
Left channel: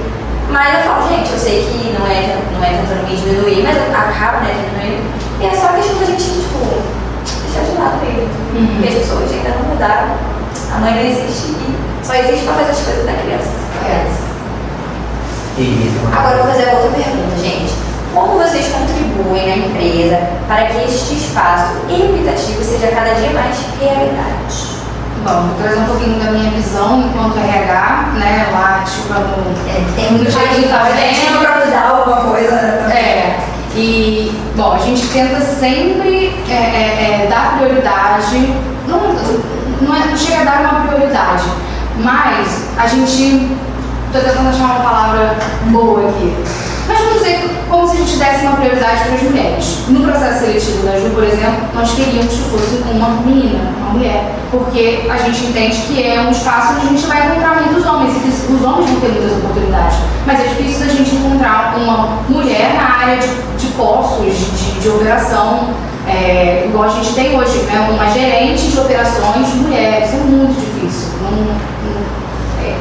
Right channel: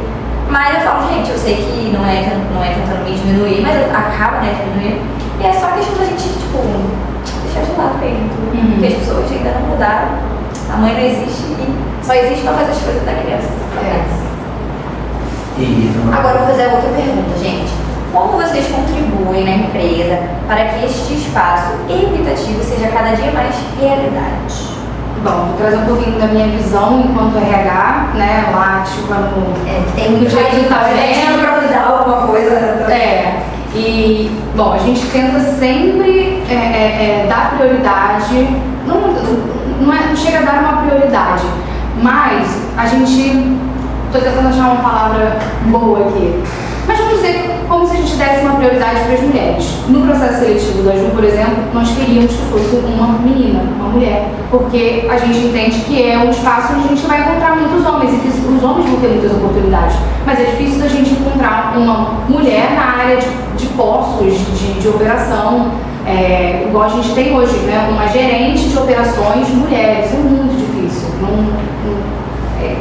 Mas eu falo, gente, eu sei que não é tentando me diminuir, mas acaba, né, diminuindo. E é só questão da gente, tipo, deixar de lado mesmo. Porque as pessoas ainda não mudaram. A mãe não existe e só existe pra fazer as coisas da criança. Agora eu vou fazer outra pergunta, gente. Como vocês contribuem na empresa para que este espaço equitativo seja cada dia mais realidade? Bom, vou trazer um pouquinho da minha visão enquanto RH, né, lá, tipo, tem muito jeito de fazer pra mudar alguma coisa. E, bom, a gente tenta sempre dar prioridade, não chega a dar uma prioridade, mas a gente tô tentando achar uma palavra boa aqui. Mas vamos dizer como se a gente desse uma prioridade para as mulheres. No processo seletivo da Ju, por exemplo, nós queríamos que fosse uma menina, uma mulher, porque a gente entende que é um espaço onde a gente vai encontrar muitos homens e que os homens vão ter muitas oportunidades. Mas é difícil da gente encontrar uma mulher na área de postos, de operação, igual a gente tem hoje, né? Uma gerente de operações mulher. Isso é muito difícil. É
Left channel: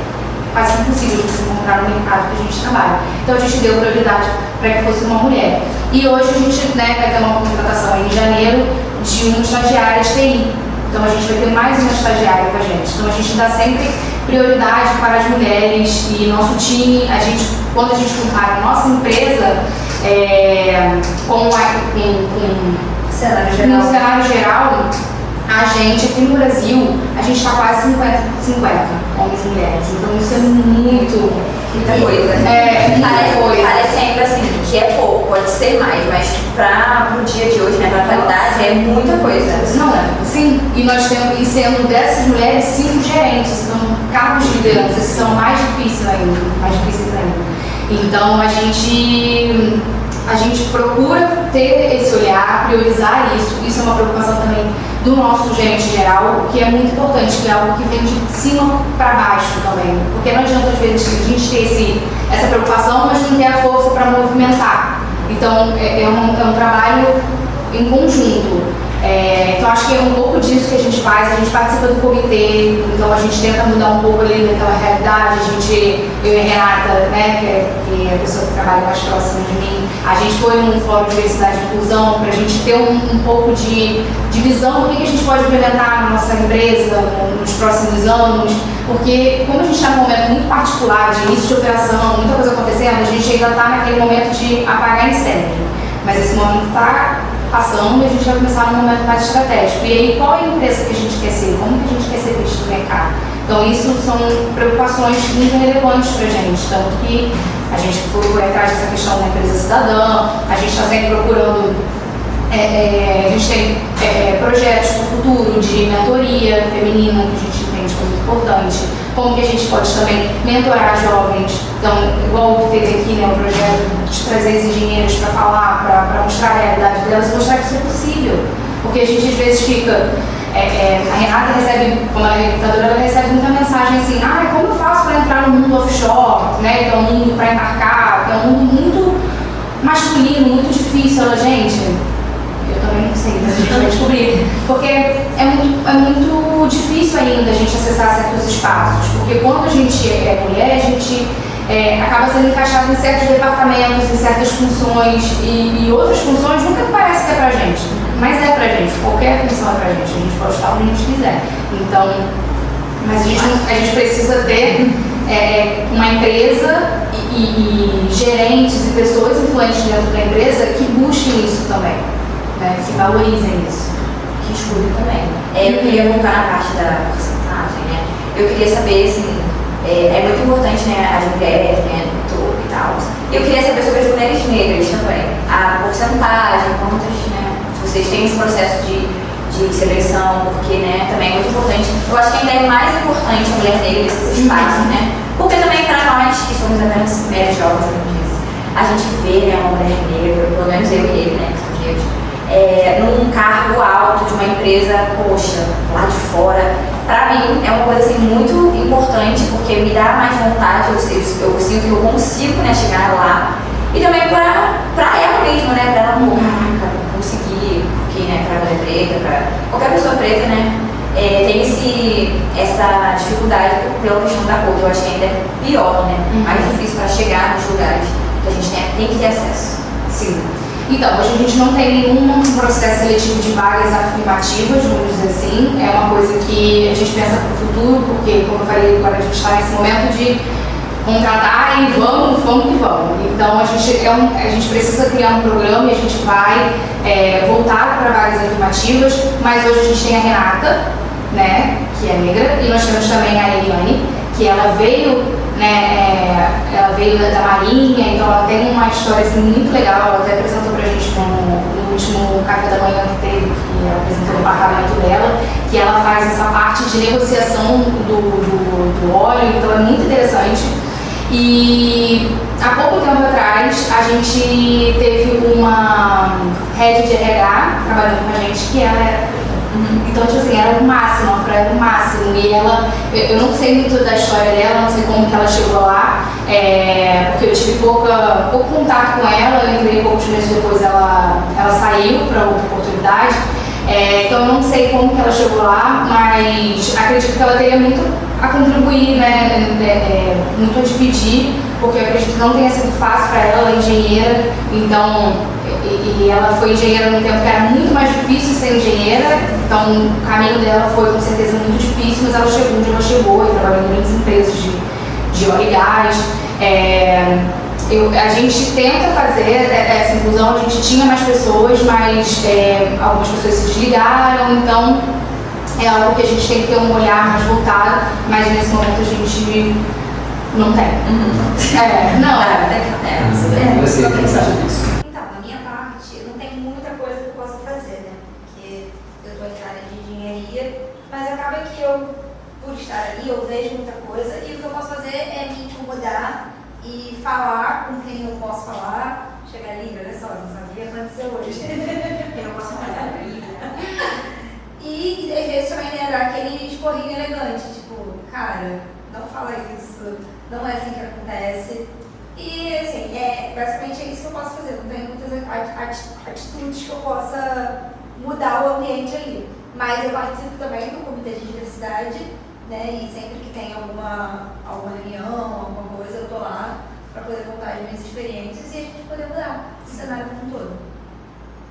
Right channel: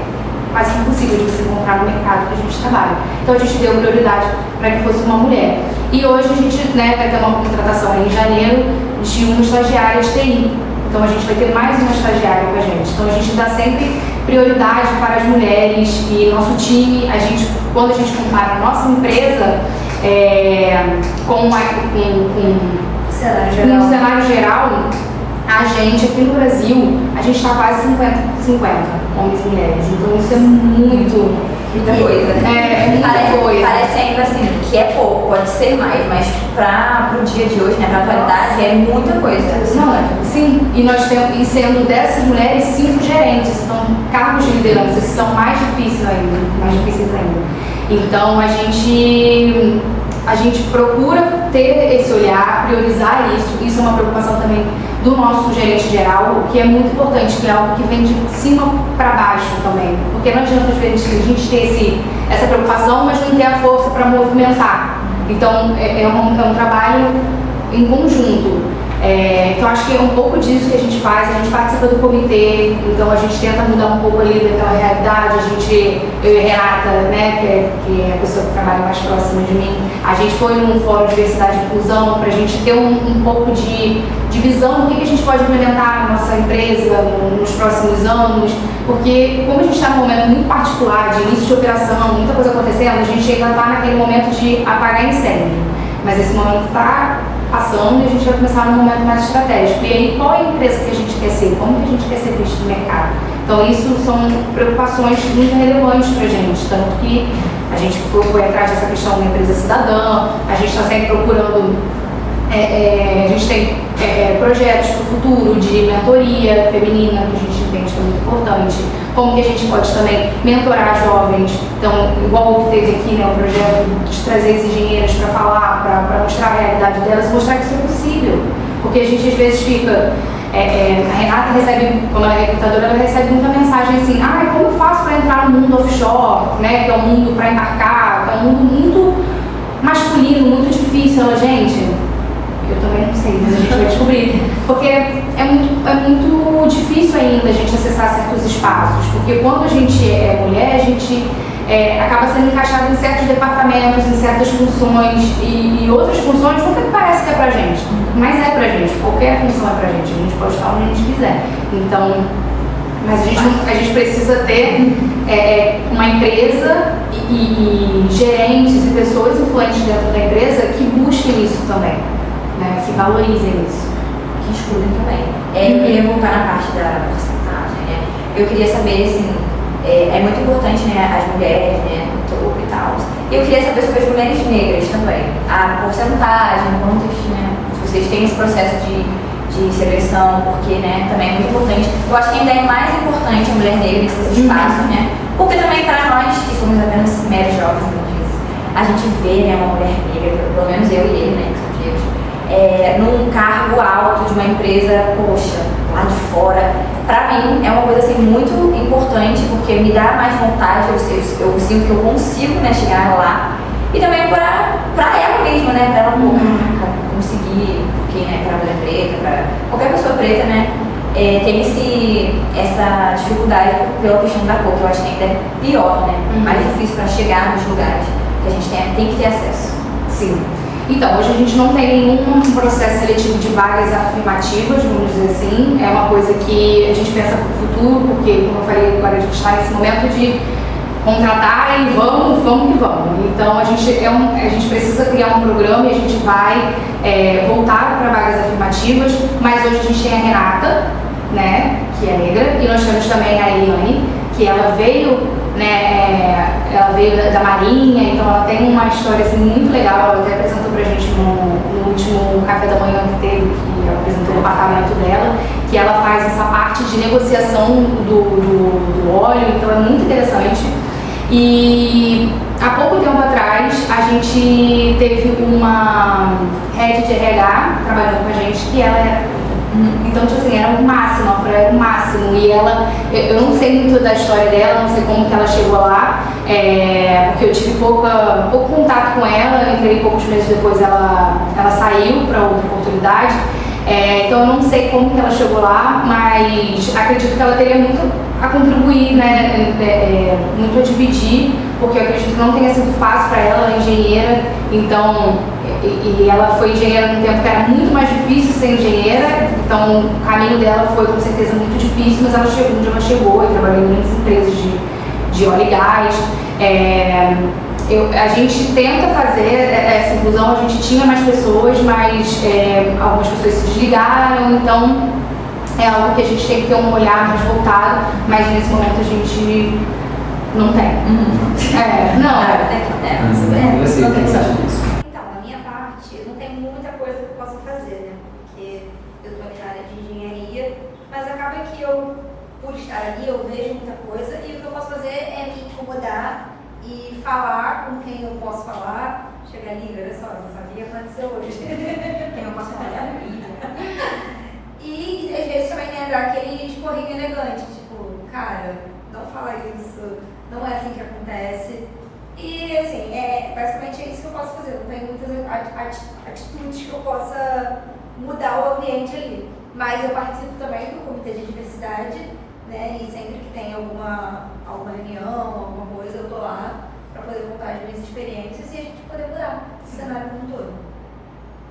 quase impossível de se encontrar no mercado que a gente trabalha. Então a gente deu prioridade para que fosse uma mulher. E hoje a gente, né, vai ter uma contratação em janeiro de uma estagiária de TI. Então a gente vai ter mais uma estagiária com a gente. Então a gente dá sempre prioridade para as mulheres e nosso time, quando a gente compara a nossa empresa com Cenário no cenário geral, a gente aqui no Brasil, a gente está quase 50-50, homens e mulheres. Então isso é muita coisa. Muita coisa. Parece ainda assim que é pouco, pode ser mais, mas pro dia de hoje, né, pra atualidade, é muita coisa. Não é? Sim, e nós temos, e sendo dessas mulheres, 5 gerentes, então cargos de liderança que são mais difíceis ainda. Então a gente procura ter esse olhar, priorizar isso é uma preocupação também do nosso gerente geral, que é muito importante, que é algo que vem de cima para baixo também, porque não adianta às vezes a gente ter essa preocupação, mas não ter a força para movimentar. Então é um trabalho em conjunto. Então acho que é um pouco disso que a gente faz, a gente participa do comitê, então a gente tenta mudar um pouco ali daquela realidade, eu e a Renata, né, que é a pessoa que trabalha mais próxima de mim, a gente foi num fórum de diversidade e inclusão para a gente ter um pouco de visão do que a gente pode implementar na nossa empresa nos próximos anos, porque como a gente está num momento muito particular de início de operação, muita coisa acontecendo, a gente ainda está naquele momento de apagar incêndio, mas esse momento está passando e a gente vai começar num momento mais estratégico. E aí, qual é a empresa que a gente quer ser? Como que a gente quer ser visto no mercado? Então, isso são preocupações muito relevantes para a gente. Tanto que a gente foi atrás dessa questão da empresa cidadã, a gente está sempre procurando. A gente tem projetos para o futuro de mentoria feminina, que a gente entende que é muito importante. Como que a gente pode também mentorar jovens. Então, igual o que teve aqui, né, um projeto de trazer as engenheiras para falar, para mostrar a realidade delas, mostrar que isso é possível. Porque a gente às vezes fica... a Renata recebe, como ela é recrutadora, ela recebe muita mensagem assim, como eu faço para entrar no mundo offshore, né, que é um mundo para embarcar, que é um mundo muito masculino, muito difícil. Ela, gente... Eu também não sei, mas a gente vai descobrir. Porque é muito difícil ainda a gente acessar certos espaços. Porque quando a gente é mulher, a gente acaba sendo encaixado em certos departamentos, em certas funções. E outras funções nunca parece que é pra gente. Mas é pra gente. Qualquer função é pra gente. A gente pode estar onde a gente quiser. Então, mas a gente precisa ter uma empresa e gerentes e pessoas influentes dentro da empresa que busquem isso também. Né, que valorizem isso. Que escutem também. Eu queria voltar na parte da porcentagem, né? Eu queria saber, assim, é muito importante, né, as mulheres, né, no topo e tal. Eu queria saber sobre as mulheres negras também. A porcentagem, quantas, né, vocês têm esse processo de seleção, porque, né, também é muito importante. Eu acho que ainda é mais importante a mulher negra nesses espaços, né? Porque também para nós, que somos apenas mulheres jovens, a gente vê, né, uma mulher negra, pelo menos eu e ele, né, que são negros, num cargo alto de uma empresa, poxa, lá de fora, pra mim é uma coisa assim muito importante, porque me dá mais vontade, eu sinto que eu consigo, né, chegar lá, e também pra ela mesma, né, pra ela, caraca, conseguir, porque, né, pra mulher preta, pra qualquer pessoa preta, né, tem essa dificuldade pela questão da cor, que eu acho que ainda é pior, né, mais difícil pra chegar nos lugares que a gente tem que ter acesso. Sim. Então, hoje a gente não tem nenhum processo seletivo de vagas afirmativas, vamos dizer assim. É uma coisa que a gente pensa para o futuro, porque, como eu falei, agora a gente está nesse momento de contratar e vamos que vamos. Então, a gente precisa criar um programa e a gente vai voltar para vagas afirmativas, mas hoje a gente tem a Renata, né, que é negra, e nós temos também a Eliane, que ela veio da Marinha, então ela tem uma história assim, muito legal. Ela até apresentou pra gente no último café da manhã que teve, que ela apresentou o departamento dela, que ela faz essa parte de negociação do óleo, então é muito interessante. E há pouco tempo atrás a gente teve uma head de RH trabalhando com a gente que ela era preta. Então, tipo assim, era o máximo, era o máximo. E ela, eu não sei muito da história dela, não sei como que ela chegou lá, porque eu tive pouco contato com ela, eu entrei poucos meses depois, ela saiu para outra oportunidade. Então eu não sei como que ela chegou lá, mas acredito que ela teria muito a contribuir, né, muito a dividir, porque eu acredito que não tenha sido fácil para ela, ela é engenheira, então, e ela foi engenheira num tempo que era muito mais difícil ser engenheira, então o caminho dela foi com certeza muito difícil, mas ela chegou onde ela chegou, e trabalhou em grandes empresas de óleo e gás. A gente tenta fazer essa inclusão, a gente tinha mais pessoas, mas algumas pessoas se desligaram, então é algo que a gente tem que ter um olhar mais voltado, mas nesse momento a gente não tem. Você tem que saber disso. Então, da minha parte, não tem muita coisa que eu possa fazer, né? Porque eu estou na área de engenharia, mas acaba que eu, por estar ali, eu vejo muita coisa e o que eu posso fazer é me incomodar e falar com quem eu posso falar. Chegar ali, olha só, não sabia o que aconteceu hoje. Quem eu posso falar ali. E às vezes também dar aquele esporrinho elegante, tipo, cara, não fala isso, não é assim que acontece. E assim, basicamente é isso que eu posso fazer, não tem muitas atitudes que eu possa mudar o ambiente ali. Mas eu participo também do comitê de diversidade, né? E sempre que tem alguma reunião, alguma coisa, eu tô lá para poder contar as minhas experiências e a gente poder mudar o cenário como um todo.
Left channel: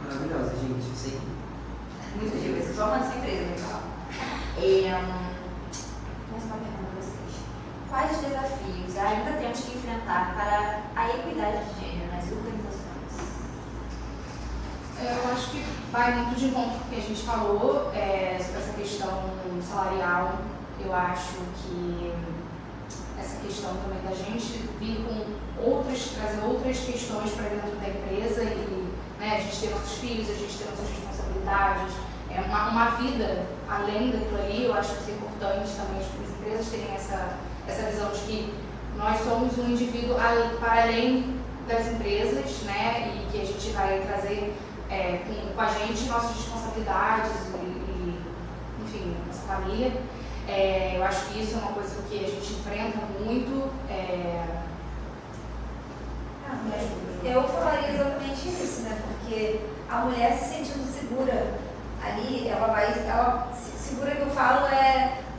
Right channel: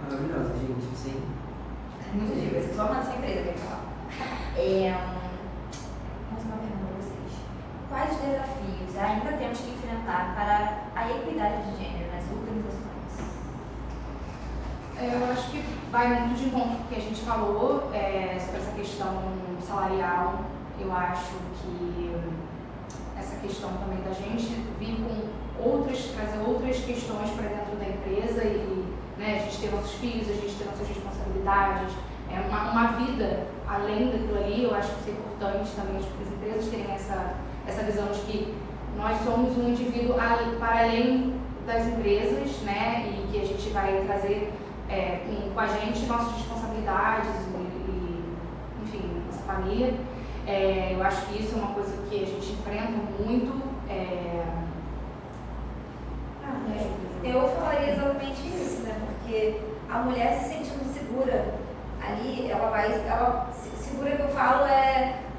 Maravilhosa, gente, sim. Muito digo, eu só mando essa empresa, vai falar. Mais uma pergunta para vocês. Quais desafios ainda temos que enfrentar para a equidade de gênero nas organizações? Eu acho que vai muito de encontro com o que a gente falou sobre essa questão salarial. Eu acho que essa questão também da gente vir com trazer outras questões para dentro da empresa e, né, a gente ter nossos filhos, a gente ter nossas responsabilidades, uma vida além daquilo ali. Eu acho que isso é importante também as empresas terem essa visão de que nós somos um indivíduo para além das empresas, né, e que a gente vai trazer com a gente nossas responsabilidades e enfim, nossa família. Eu acho que isso é uma coisa que a gente enfrenta muito. Eu falaria exatamente isso, né? Porque a mulher se sentindo segura ali, segura que eu falo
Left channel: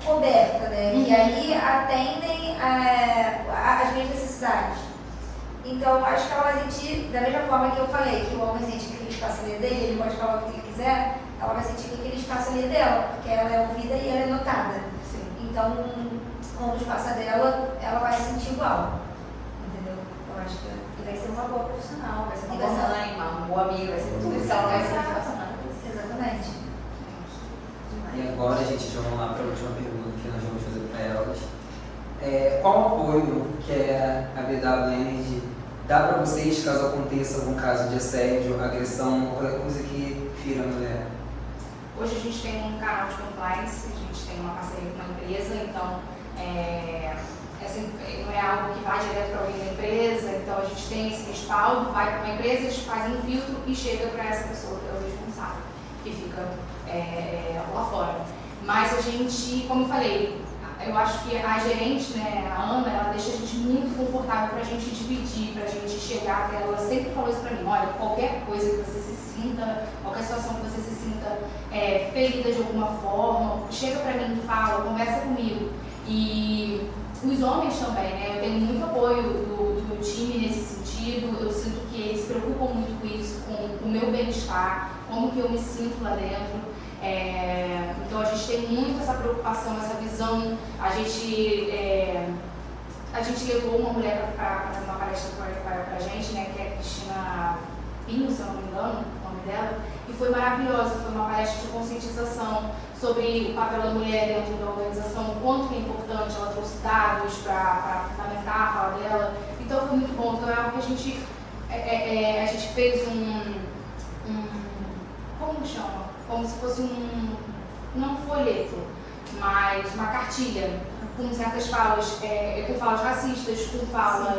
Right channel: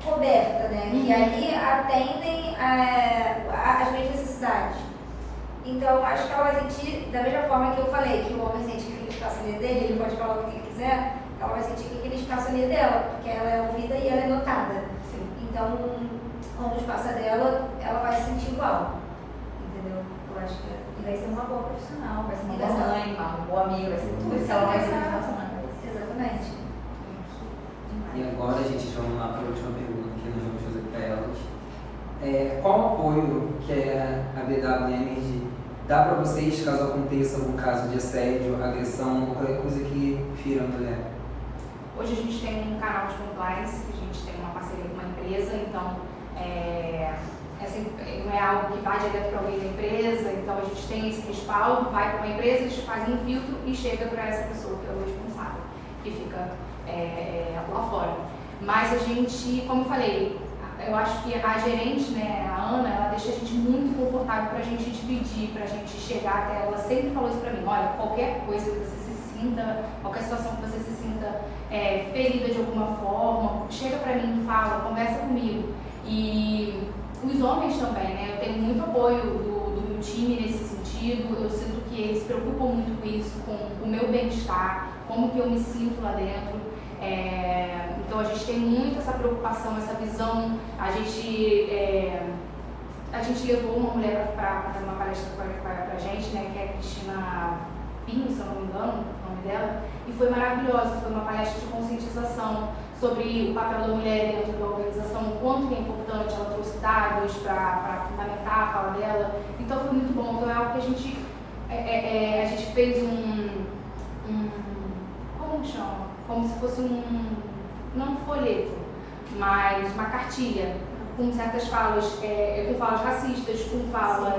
coberta, né? E ali atendem às minhas necessidades. Então, acho que ela vai sentir, da mesma forma que eu falei, que o homem sente que aquele espaço ali é dele, ele pode falar o que ele quiser, ela vai sentir que aquele espaço ali é dela, porque ela é ouvida e ela é notada. Sim. Então, quando o espaço é dela, ela vai se sentir igual. Entendeu? Eu acho que vai ser uma boa profissional, vai ser uma boa mãe, uma boa amiga, vai ser tudo isso, ela vai ser relacionada. Exatamente. E agora, gente, vamos lá para a última pergunta que nós vamos fazer para elas. Qual o apoio que a BW Energy dá para vocês caso aconteça algum caso de assédio, agressão ou qualquer coisa que fira a mulher? Hoje a gente tem um canal de compliance, a gente tem uma parceria com uma empresa, então não é algo que vai direto para alguém da empresa, então a gente tem esse respaldo, vai para uma empresa, eles fazem um filtro e chega para essa pessoa que é o responsável, que fica lá fora. Mas a gente, como eu falei, eu acho que a gerente, né, a Ana, ela deixa a gente muito confortável para a gente dividir, para a gente chegar até ela. Sempre falou isso para mim: olha, qualquer coisa que você se sinta, qualquer situação que você se sinta ferida de alguma forma, chega para mim, fala, conversa comigo. E os homens também, né, eu tenho muito apoio do time nesse sentido. Eu sinto que eles se preocupam muito com isso, com o meu bem-estar, como que eu me sinto lá dentro. Então a gente tem muito essa preocupação, essa visão. A gente levou uma mulher para fazer uma palestra para a gente, né, que é a Cristina Pinho, se eu não me engano, o nome dela, e foi maravilhosa. Foi uma palestra de conscientização sobre o papel da mulher dentro da organização, o quanto é importante. Ela trouxe dados para fundamentar a fala dela, então foi muito bom. Então é algo que a gente fez como chama? Como se fosse não um folheto, mas uma cartilha com certas falas, com falas racistas, com falas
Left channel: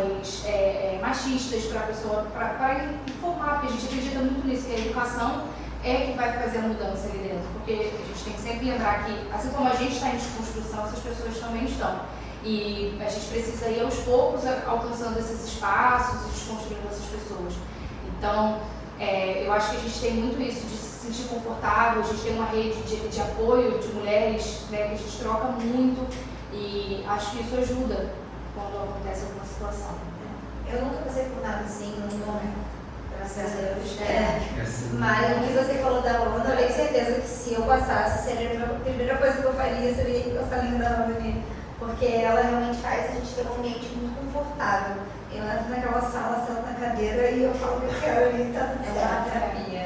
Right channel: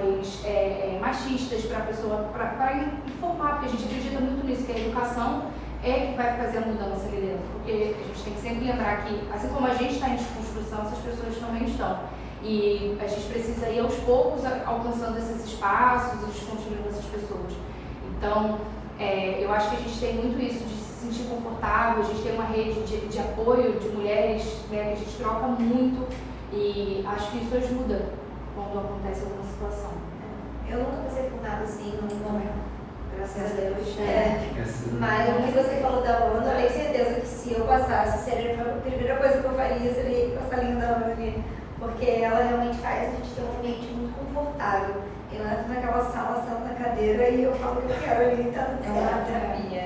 machistas para a pessoa, para informar, porque a gente acredita muito nisso, que a educação é que vai fazer a mudança ali dentro, porque a gente tem que sempre lembrar que, assim como a gente está em desconstrução, essas pessoas também estão. E a gente precisa ir aos poucos alcançando esses espaços e desconstruindo essas pessoas. Então, eu acho que a gente tem muito isso de se sentir confortável, a gente tem uma rede de apoio de mulheres, né, que a gente troca muito e acho que isso ajuda quando acontece alguma situação. Eu nunca passei por nada assim, graças a Deus. Mas o que você falou da onda, eu tenho certeza que se eu passasse, seria a primeira coisa que eu faria, seria encostar a língua da onda ali. Porque ela realmente faz a gente ter um ambiente muito confortável. Eu entro naquela sala, sento na cadeira e eu falo o que eu quero ali, tá tudo certo. É uma terapia.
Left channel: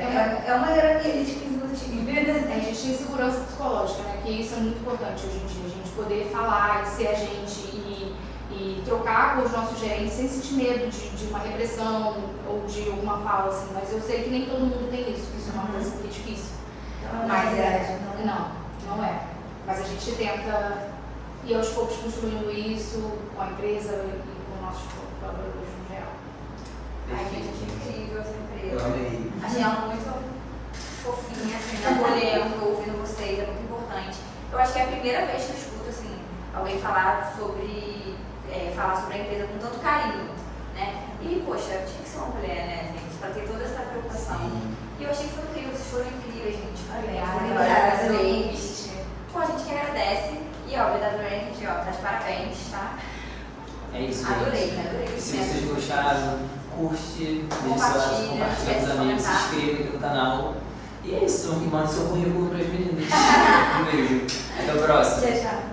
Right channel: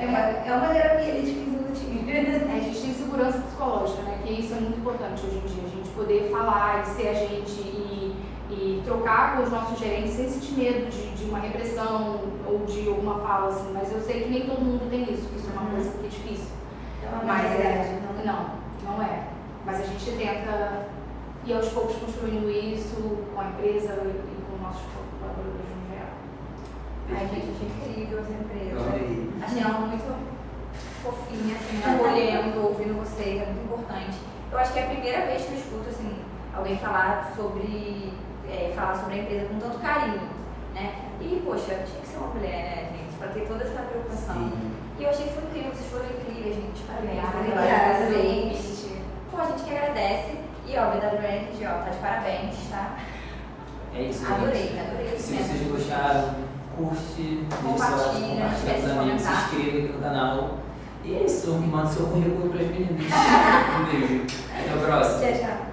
É uma terapia de 15 minutinhos. A gente tem segurança psicológica, né? Que isso é muito importante hoje em dia, a gente poder falar e ser a gente e trocar com os nossos gerentes sem sentir medo de uma repressão ou de alguma fala, assim. Mas eu sei que nem todo mundo tem isso é uma coisa que é difícil. Mas não é. Mas a gente tenta ir aos poucos construindo isso com a empresa e com nossos colaboradores no geral. Ai, gente, achei incrível as empresas. Eu amei. Achei ela muito fofinha, assim, acolhendo, ouvindo vocês, é muito importante. Eu acho que é a primeira vez que eu escuto, assim, alguém falar sobre a empresa com tanto carinho, né? E, poxa, tinha que ser uma mulher, né, gente, pra ter toda essa preocupação. Sim. E eu achei que foi incrível, vocês foram incríveis, gente. Obrigada. Parabéns. Pô, a gente que agradece. E, ó, o BW Ranking, ó, tá de parabéns, tá? É isso, Adorei, gente. adorei. Se vocês gostaram, curte, Compartilha, deixe com os amigos, se comentar. inscreva aqui no canal. E é isso, e manda seu currículo para as meninas. Um beijo. Até o próximo. Tchau, tchau.